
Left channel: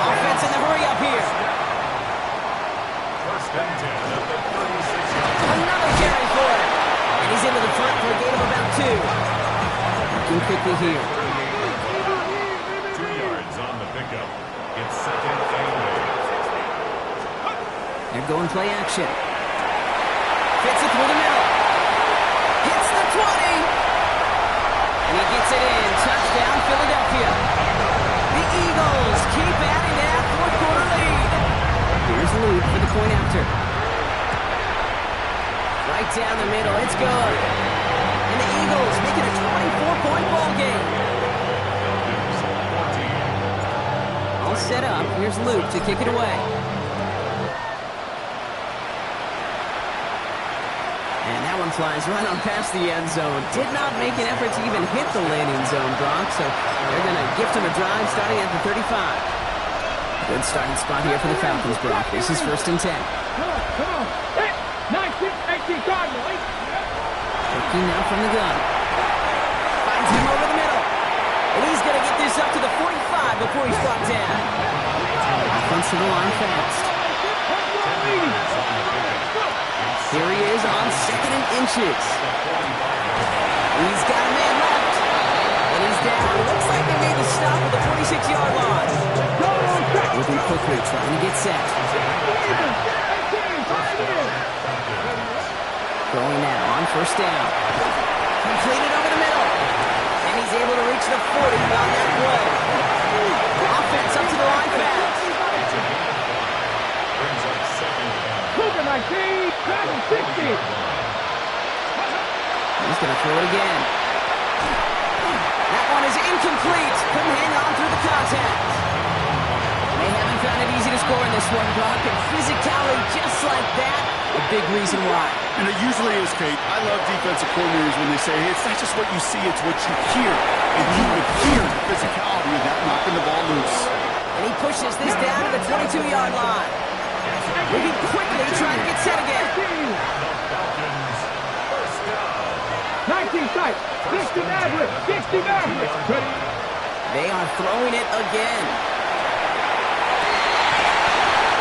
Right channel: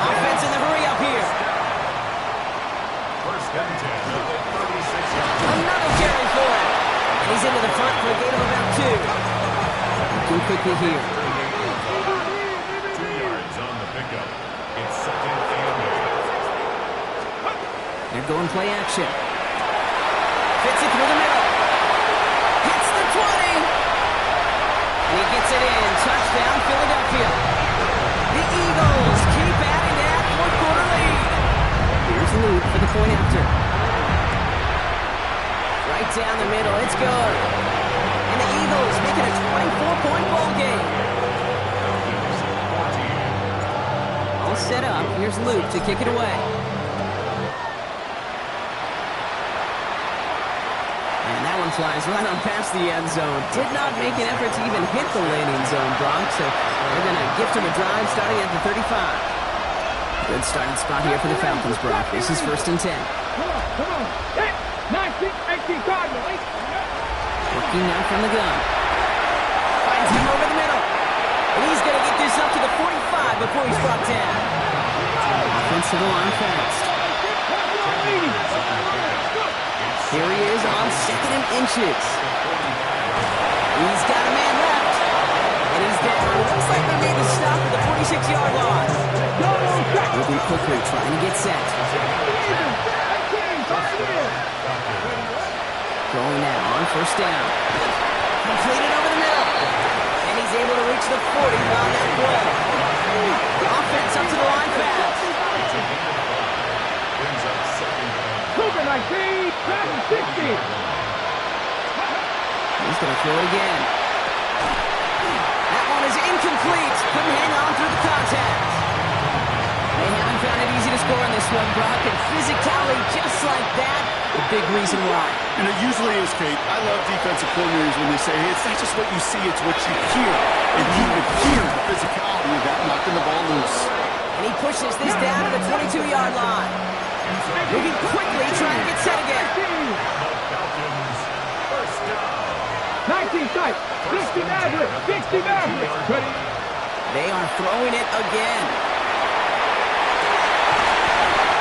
Offense in the hurry up here. 1st and 10 at the 36-yard line. Another carry for him. And he's into the front for a gain of about 2. Looking quickly here. 2 yards on the pickup. It's 2nd and 8. They're going play action. Fits it through the middle. Hits the 20. And he gets it in. Touchdown, Philadelphia. The Eagles keep adding to that 4th-quarter lead. Here's Luke for the point after. Right down the middle. It's good. And the Eagles make it a 24-point ball game. All set up. Here's Luke to kick it away. And that one flies right on past the end zone. Did not make an effort to even hit the landing zone, Brock, so they're going to gift him a drive starting at the 35. Good starting spot here for the Falcons, Brock. This is 1st and 10. Come on. Hey, 19, Cardinal. Working now from the gun. Finds him over the middle. And he's going to get this up to the 45 before he's brought down. Offense to the line fast. Here he is on 2nd and inches. He's got a man left. And he's down. Looks like they made the stop at the 46-yard line. Moving quickly, trying to get set. Throwing now on 1st down. Completed over the middle. And he's able to reach the 40 on that play. Offense up to the line fast. Brings up 2nd and 19, 60. He's going to throw it again. That one is incomplete. Couldn't hang on through the contact. They haven't found it easy to score in this one, Brock, and physicality just like that, a big reason why. And it usually is, Kate. I love defensive coordinators when they say, hey, it's not just what you see, it's what you hear. And you would hear the physicality of that knocking the ball loose. And he pushes this down to the 22-yard line. Moving quickly, trying to get set again. the Falcons. First down. 19 tight. 60 Maverick. 60 Maverick. Ready? They are throwing it again.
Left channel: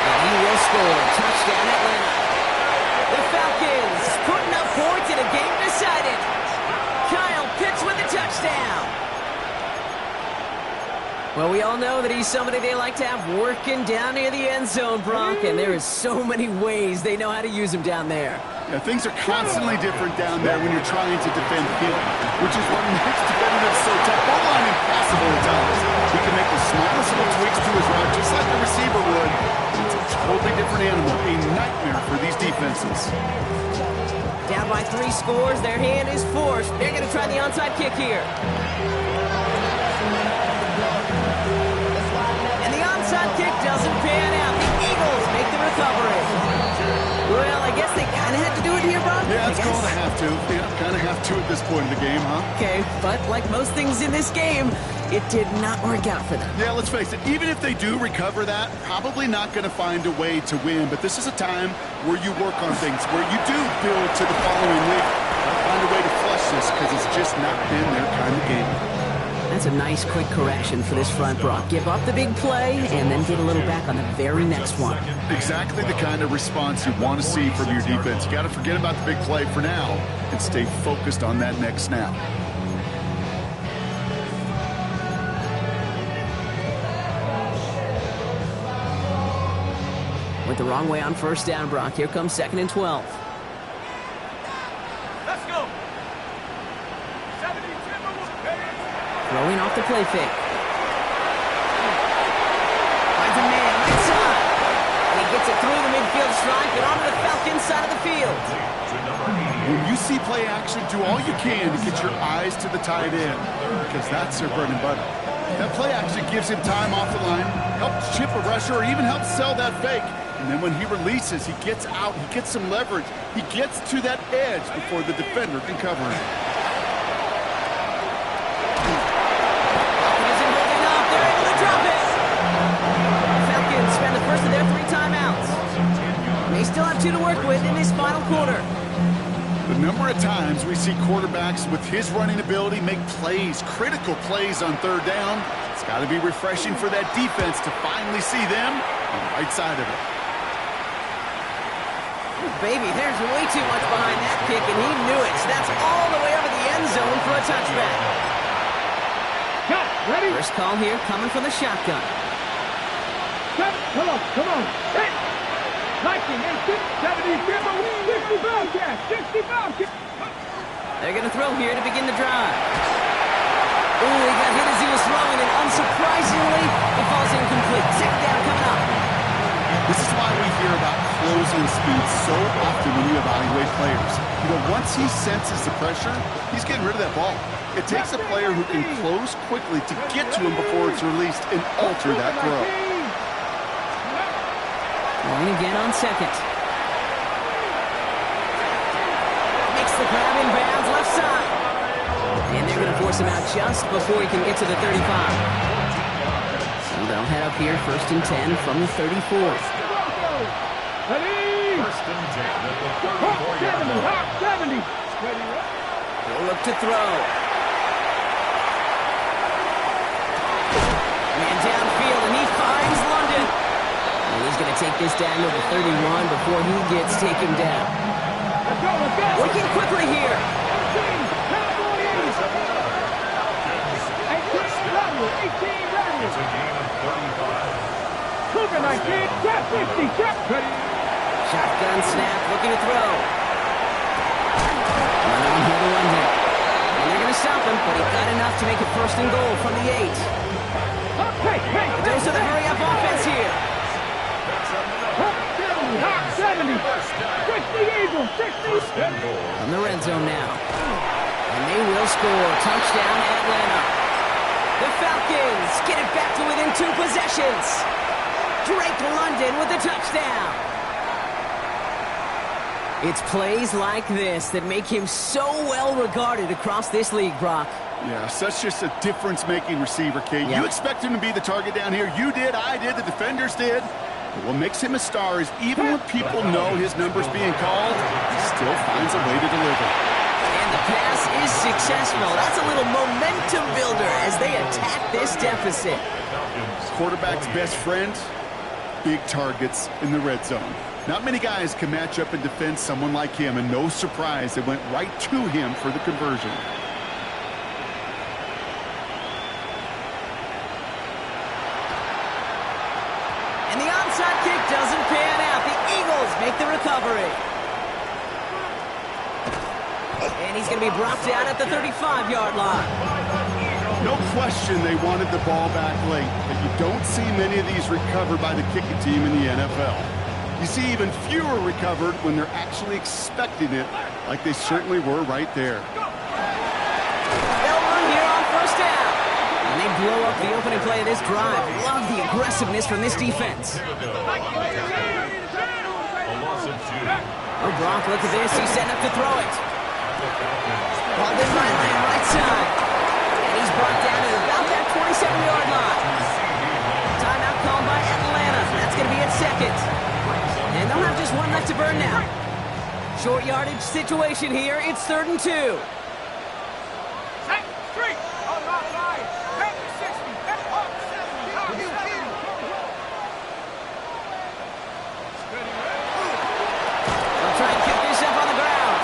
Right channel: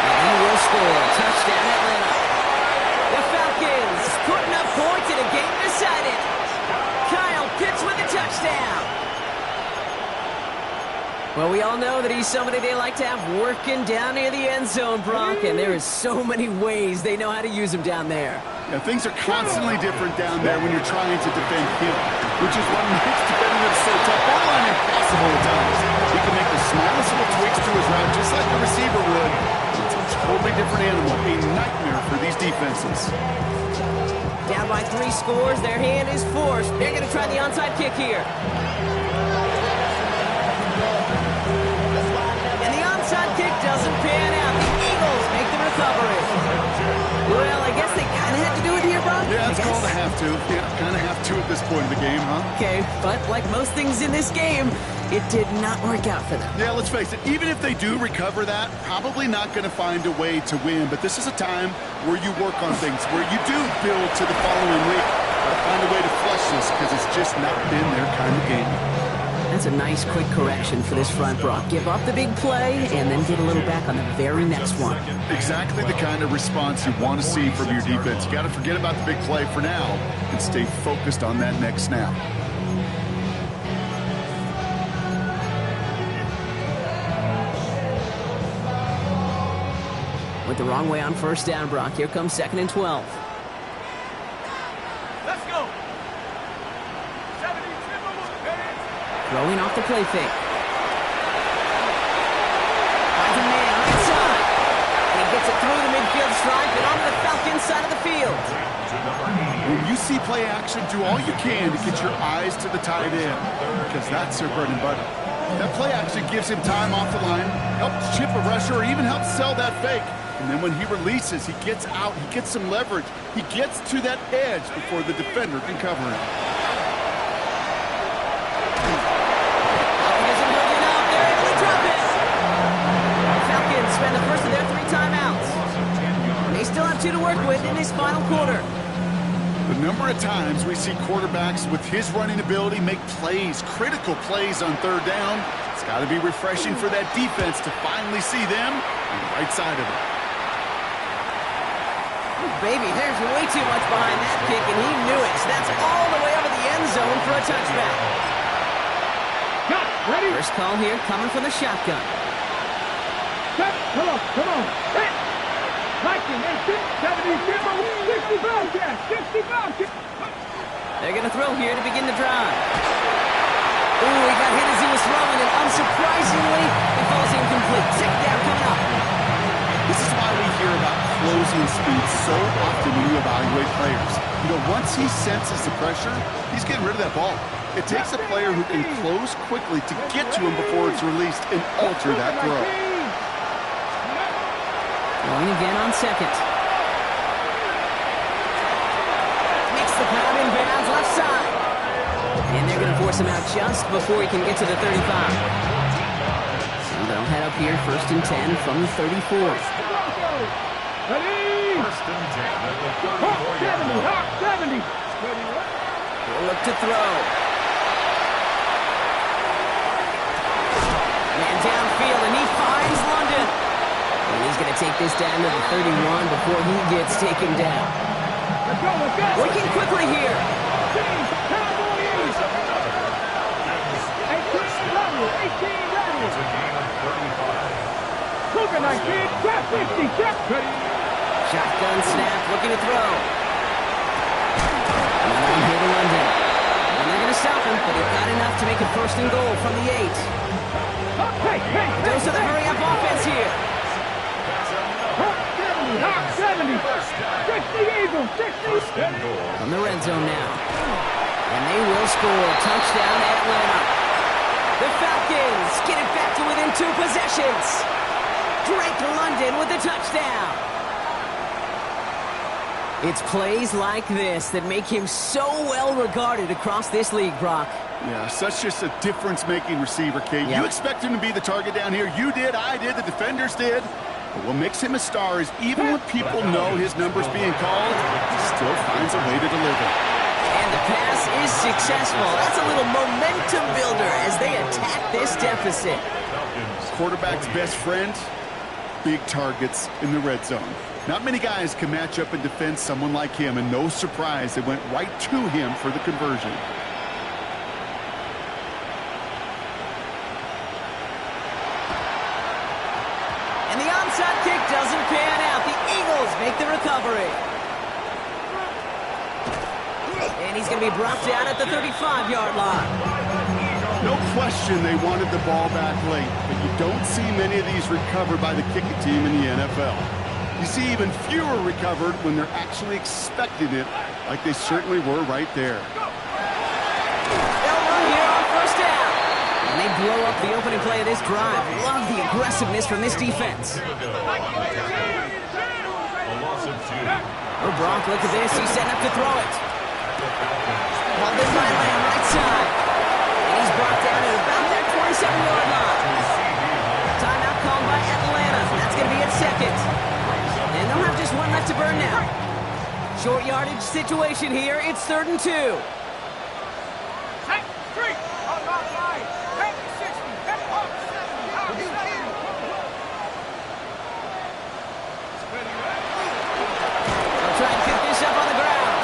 And he will score. Touchdown, Atlanta. The Falcons putting up points in a game decided. Kyle Pitts with a touchdown. Well, we all know that he's somebody they like to have working down near the end zone, Brock, and there is so many ways they know how to use him down there. Yeah, things are constantly different down there when you're trying to defend him, which is what makes defending him so tough. Borderline impossible at times. He can make the smallest little tweaks to his route just like the receiver would. It's a totally different animal, a nightmare for these defenses. Down by 3 scores, their hand is forced. They're going to try the onside kick here. And the onside kick doesn't pan out. The Eagles make the recovery. Well, I guess they kind of had to do it here, Brock. Yeah, it's called a have to. Yeah, kind of have to at this point in the game, huh? Okay, but like most things in this game, it did not work out for them. Yeah, let's face it, even if they do recover that, probably not going to find a way to win. But this is a time where you work on things, where you do build to the following week. Got to find a way to flush this because it's just not been their kind of game. That's a nice, quick correction for this front, Brock. Give up the big play and then get a little back on the very next one. Exactly the kind of response you want to see from your defense. You got to forget about the big play for now and stay focused on that next snap. Went the wrong way on first down, Brock. Here comes 2nd and 12. Let's go. 70 Throwing off the play fake. Finds a man right side. And he gets it through the midfield stripe and onto the Falcons side of the field. When you see play action, do all you can to get your eyes to the tight end because that's their bread and butter. That play action gives him time off the line, helps chip a rusher, or even helps sell that fake. And then when he releases, he gets out, he gets some leverage. He gets to that edge before the defender can cover him. Spend the first of their 3 timeouts. They still have 2 to work with in this final quarter. The number of times we see quarterbacks with his running ability make plays, critical plays on 3rd down, it's got to be refreshing for that defense to finally see them on the right side of it. Oh, baby, there's way too much behind that kick, and he knew it. So that's all the way over the end zone for a touchback. Ready? First call here coming from the shotgun. Come on. Hit. 19, 18, 70, 65, 65. They're going to throw here to begin the drive. Ooh, he got hit as he was throwing, and unsurprisingly, it falls incomplete. 2nd down coming up. This is why we hear about closing speed so often when you evaluate players. You know, once he senses the pressure, he's getting rid of that ball. It takes a player who can close quickly to get to him before it's released and alter that throw. Going again on 2nd. Makes the grab in bounds left side. And they're going to force him out just before he can get to the 35. So they'll head up here 1st and 10 from the 34. Ready? 1st and 10 at the 34-yard line. 70. He'll look to throw. Man downfield, and he finds London. And he's going to take this down to the 31 before he gets taken down. Let's go. Working quickly here. 18 ready. It's a gain of 35. Cougar 19, check 50, check. Ready. Shotgun snap, looking to throw. Another one here to London. And they're going to stop him, but he got enough to make it 1st and goal from the 8. Hey. Dose of the hurry-up offense here. 70, 60 Eagles, 60. 1st and goal. On the red zone now. And they will score. Touchdown, Atlanta. The Falcons get it back to within 2 possessions. Drake London with a touchdown. It's plays like this that make him so well regarded across this league, Brock. Yeah, such just a difference-making receiver, Kate. Yep. You expect him to be the target down here. You did, I did, the defenders did. But what makes him a star is even when people know his number's being called, he still finds a way to deliver. And the pass is successful. That's a little momentum builder as they attack this deficit. Quarterback's best friend, big targets in the red zone. Not many guys can match up and defend someone like him, and no surprise, they went right to him for the conversion. And the onside kick doesn't pan out. The Eagles make the recovery. And he's going to be brought down at the 35-yard line. No question they wanted the ball back late, but you don't see many of these recovered by the kicking team in the NFL. You see even fewer recovered when they're actually expecting it, like they certainly were right there. They'll run here on first down. And they blow up the opening play of this drive. Love the aggressiveness from this defense. A loss of 2. Oh, Brock, look at this. He's setting up to throw it. Ball in by Lamb, right side. And he's brought down at about that 27-yard line. Timeout called by Atlanta. That's going to be at second. And they'll have just one left to burn now. Short yardage situation here. It's 3rd and 2. Take 3. On my line. Take 60. Up 70. They'll try and kick this up on the ground.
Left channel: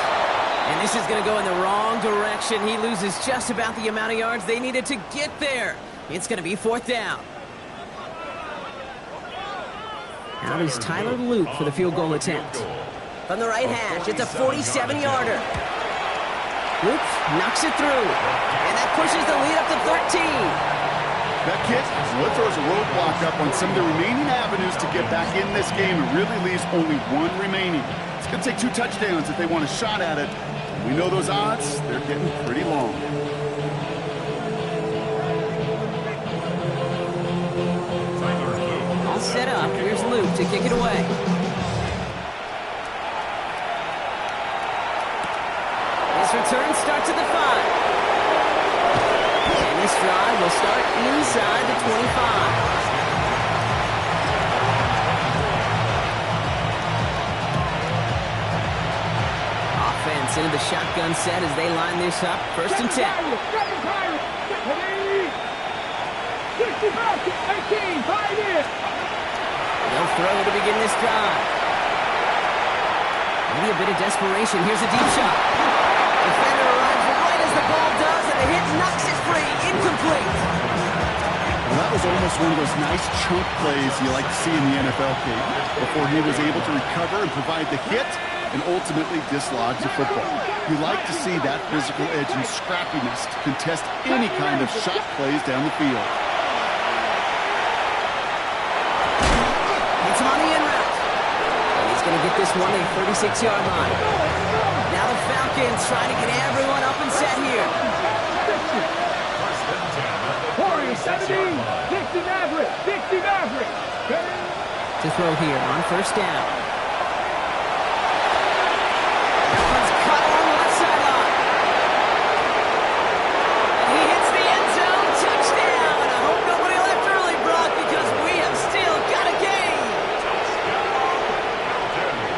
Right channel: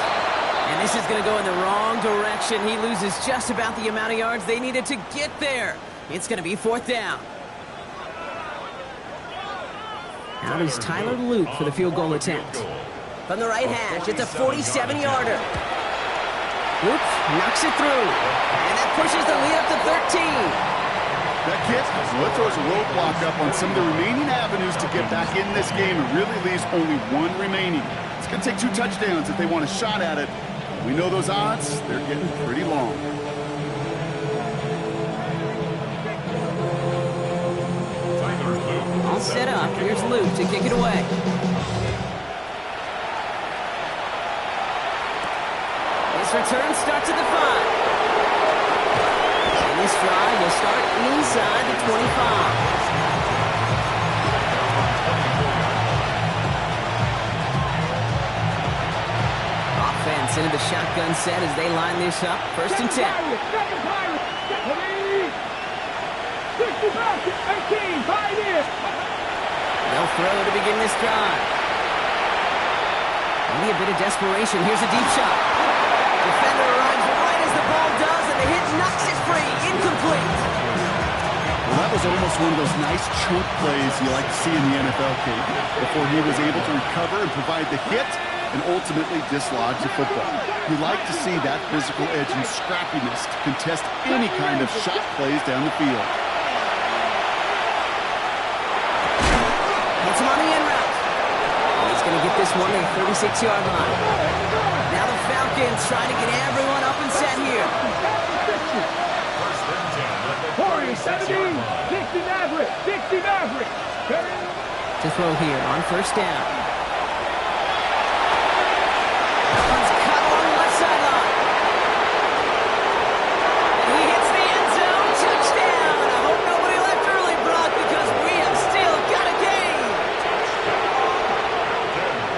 And this is going to go in the wrong direction. He loses just about the amount of yards they needed to get there. It's going to be 4th down. Out is Tyler Luke for the field goal attempt. From the right hash, it's a 47-yarder. Luke knocks it through. And that pushes the lead up to 13. That kick, well, it throws a roadblock up on some of the remaining avenues to get back in this game and really leaves only one remaining. It's going to take 2 touchdowns if they want a shot at it. We know those odds, they're getting pretty long. All set up. Here's Luke to kick it away. His return starts at the 5. And this drive will start inside the 25. Offense into the shotgun set as they line this up. 1st and 10. 18, 5 years. They'll throw to begin this drive. Maybe a bit of desperation. Here's a deep shot. Defender arrives right as the ball does, and the hit knocks it free. Incomplete. Well, that was almost one of those nice chunk plays you like to see in the NFL, Kate, before he was able to recover and provide the hit and ultimately dislodge the football. You like to see that physical edge and scrappiness to contest any kind of shot plays down the field. Hits him on the in route. And he's going to get this one to the 36-yard line. Now the Falcons trying to get everyone up and set here. 40, 17, 60 Maverick, 60 Maverick. To throw here on 1st down. That one's cut along the left sideline. And he hits the end zone. Touchdown. And I hope nobody left early, Brock, because we have still got a game.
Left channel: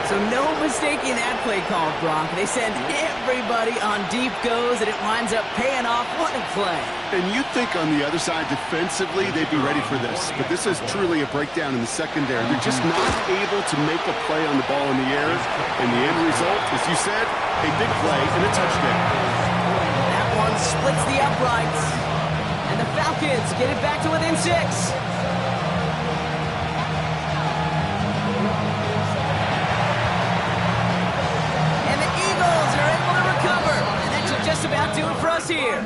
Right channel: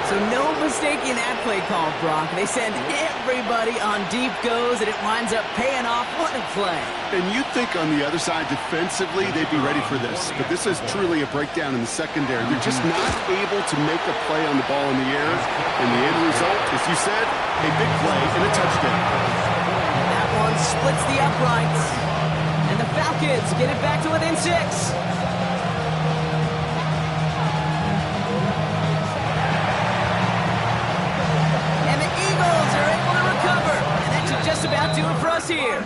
So no mistaking that play call, Brock. They send everybody on deep goes, and it winds up paying off. What a play. And you'd think on the other side, defensively, they'd be ready for this. But this is truly a breakdown in the secondary. They're just not able to make a play on the ball in the air. And the end result, as you said, a big play and a touchdown. That one splits the uprights. And the Falcons get it back to within 6. Eagles are able to recover, and that should just about do it for us here.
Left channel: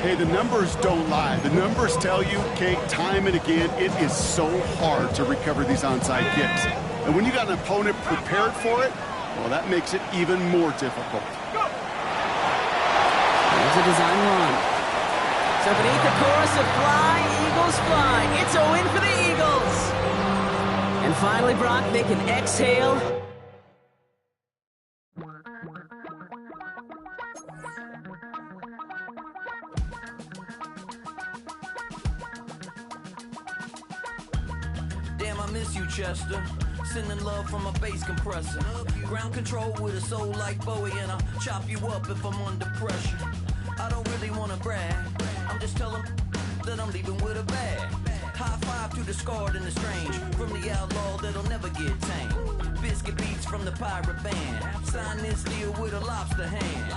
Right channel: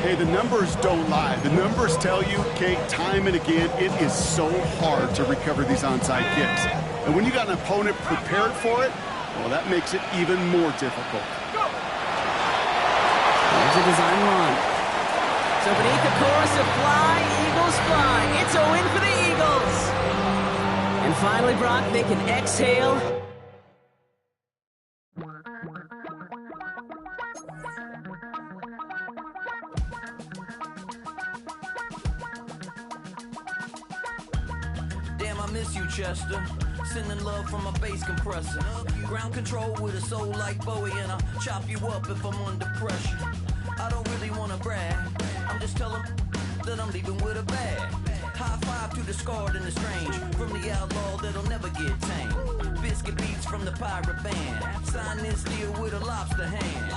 Hey, the numbers don't lie. The numbers tell you, Kate, time and again, it is so hard to recover these onside kicks. And when you got an opponent prepared for it, well, that makes it even more difficult. Here's a design run. So beneath the chorus of Fly, Eagles Fly, it's a win for the Eagles. And finally, Brock, they can exhale. Miss you, Chester. Sending love from a bass compressor. Ground control with a soul like Bowie, and I'll chop you up if I'm under pressure. I don't really want to brag. I'm just telling that I'm leaving with a bag. High five to the scarred and the strange. From the outlaw that'll never get tamed. basket beats from the pirate band. Sign this deal with a lobster hand.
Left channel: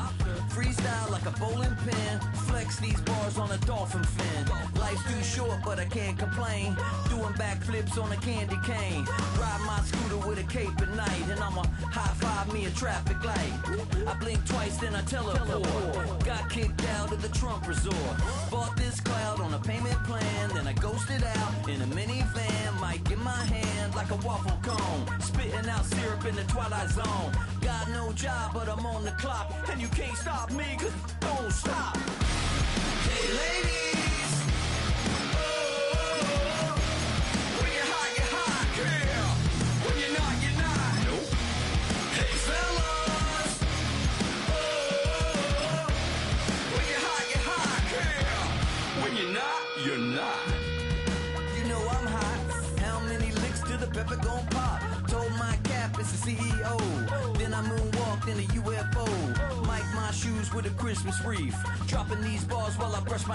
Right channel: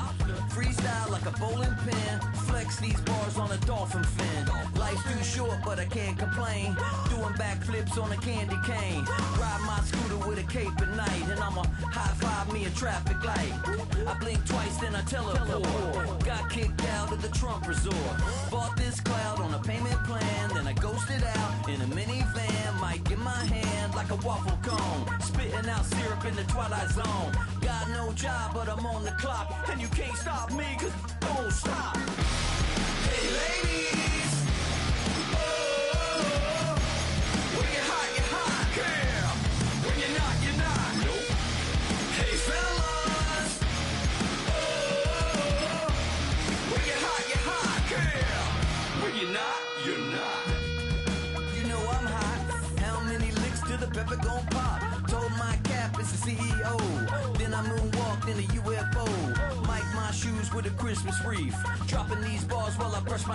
Freestyle like a bowling pin. Flex these bars on a dolphin fin. Life's too short, but I can't complain. Doing backflips on a candy cane. Ride my scooter with a cape at night. And I'ma high-five me a traffic light. I blink twice, then I teleport. Got kicked out of the Trump resort. Bought this cloud on a payment plan. Then I ghosted out in a minivan. Mic in my hand like a waffle cone. Spitting out syrup in the twilight zone. Got no job, but I'm on the clock. And you can't stop me, cause don't stop. Hey ladies, oh, when you're hot, girl. When you're not, no. Hey fellas, oh, when you're hot, girl. When you're not, you're not. You know I'm hot. How many licks till the pepper gon' pop? Told my cap it's the CEO. Then I moonwalked in a UFO. Mic my shoes with a Christmas wreath. Dropping these bars while I brush my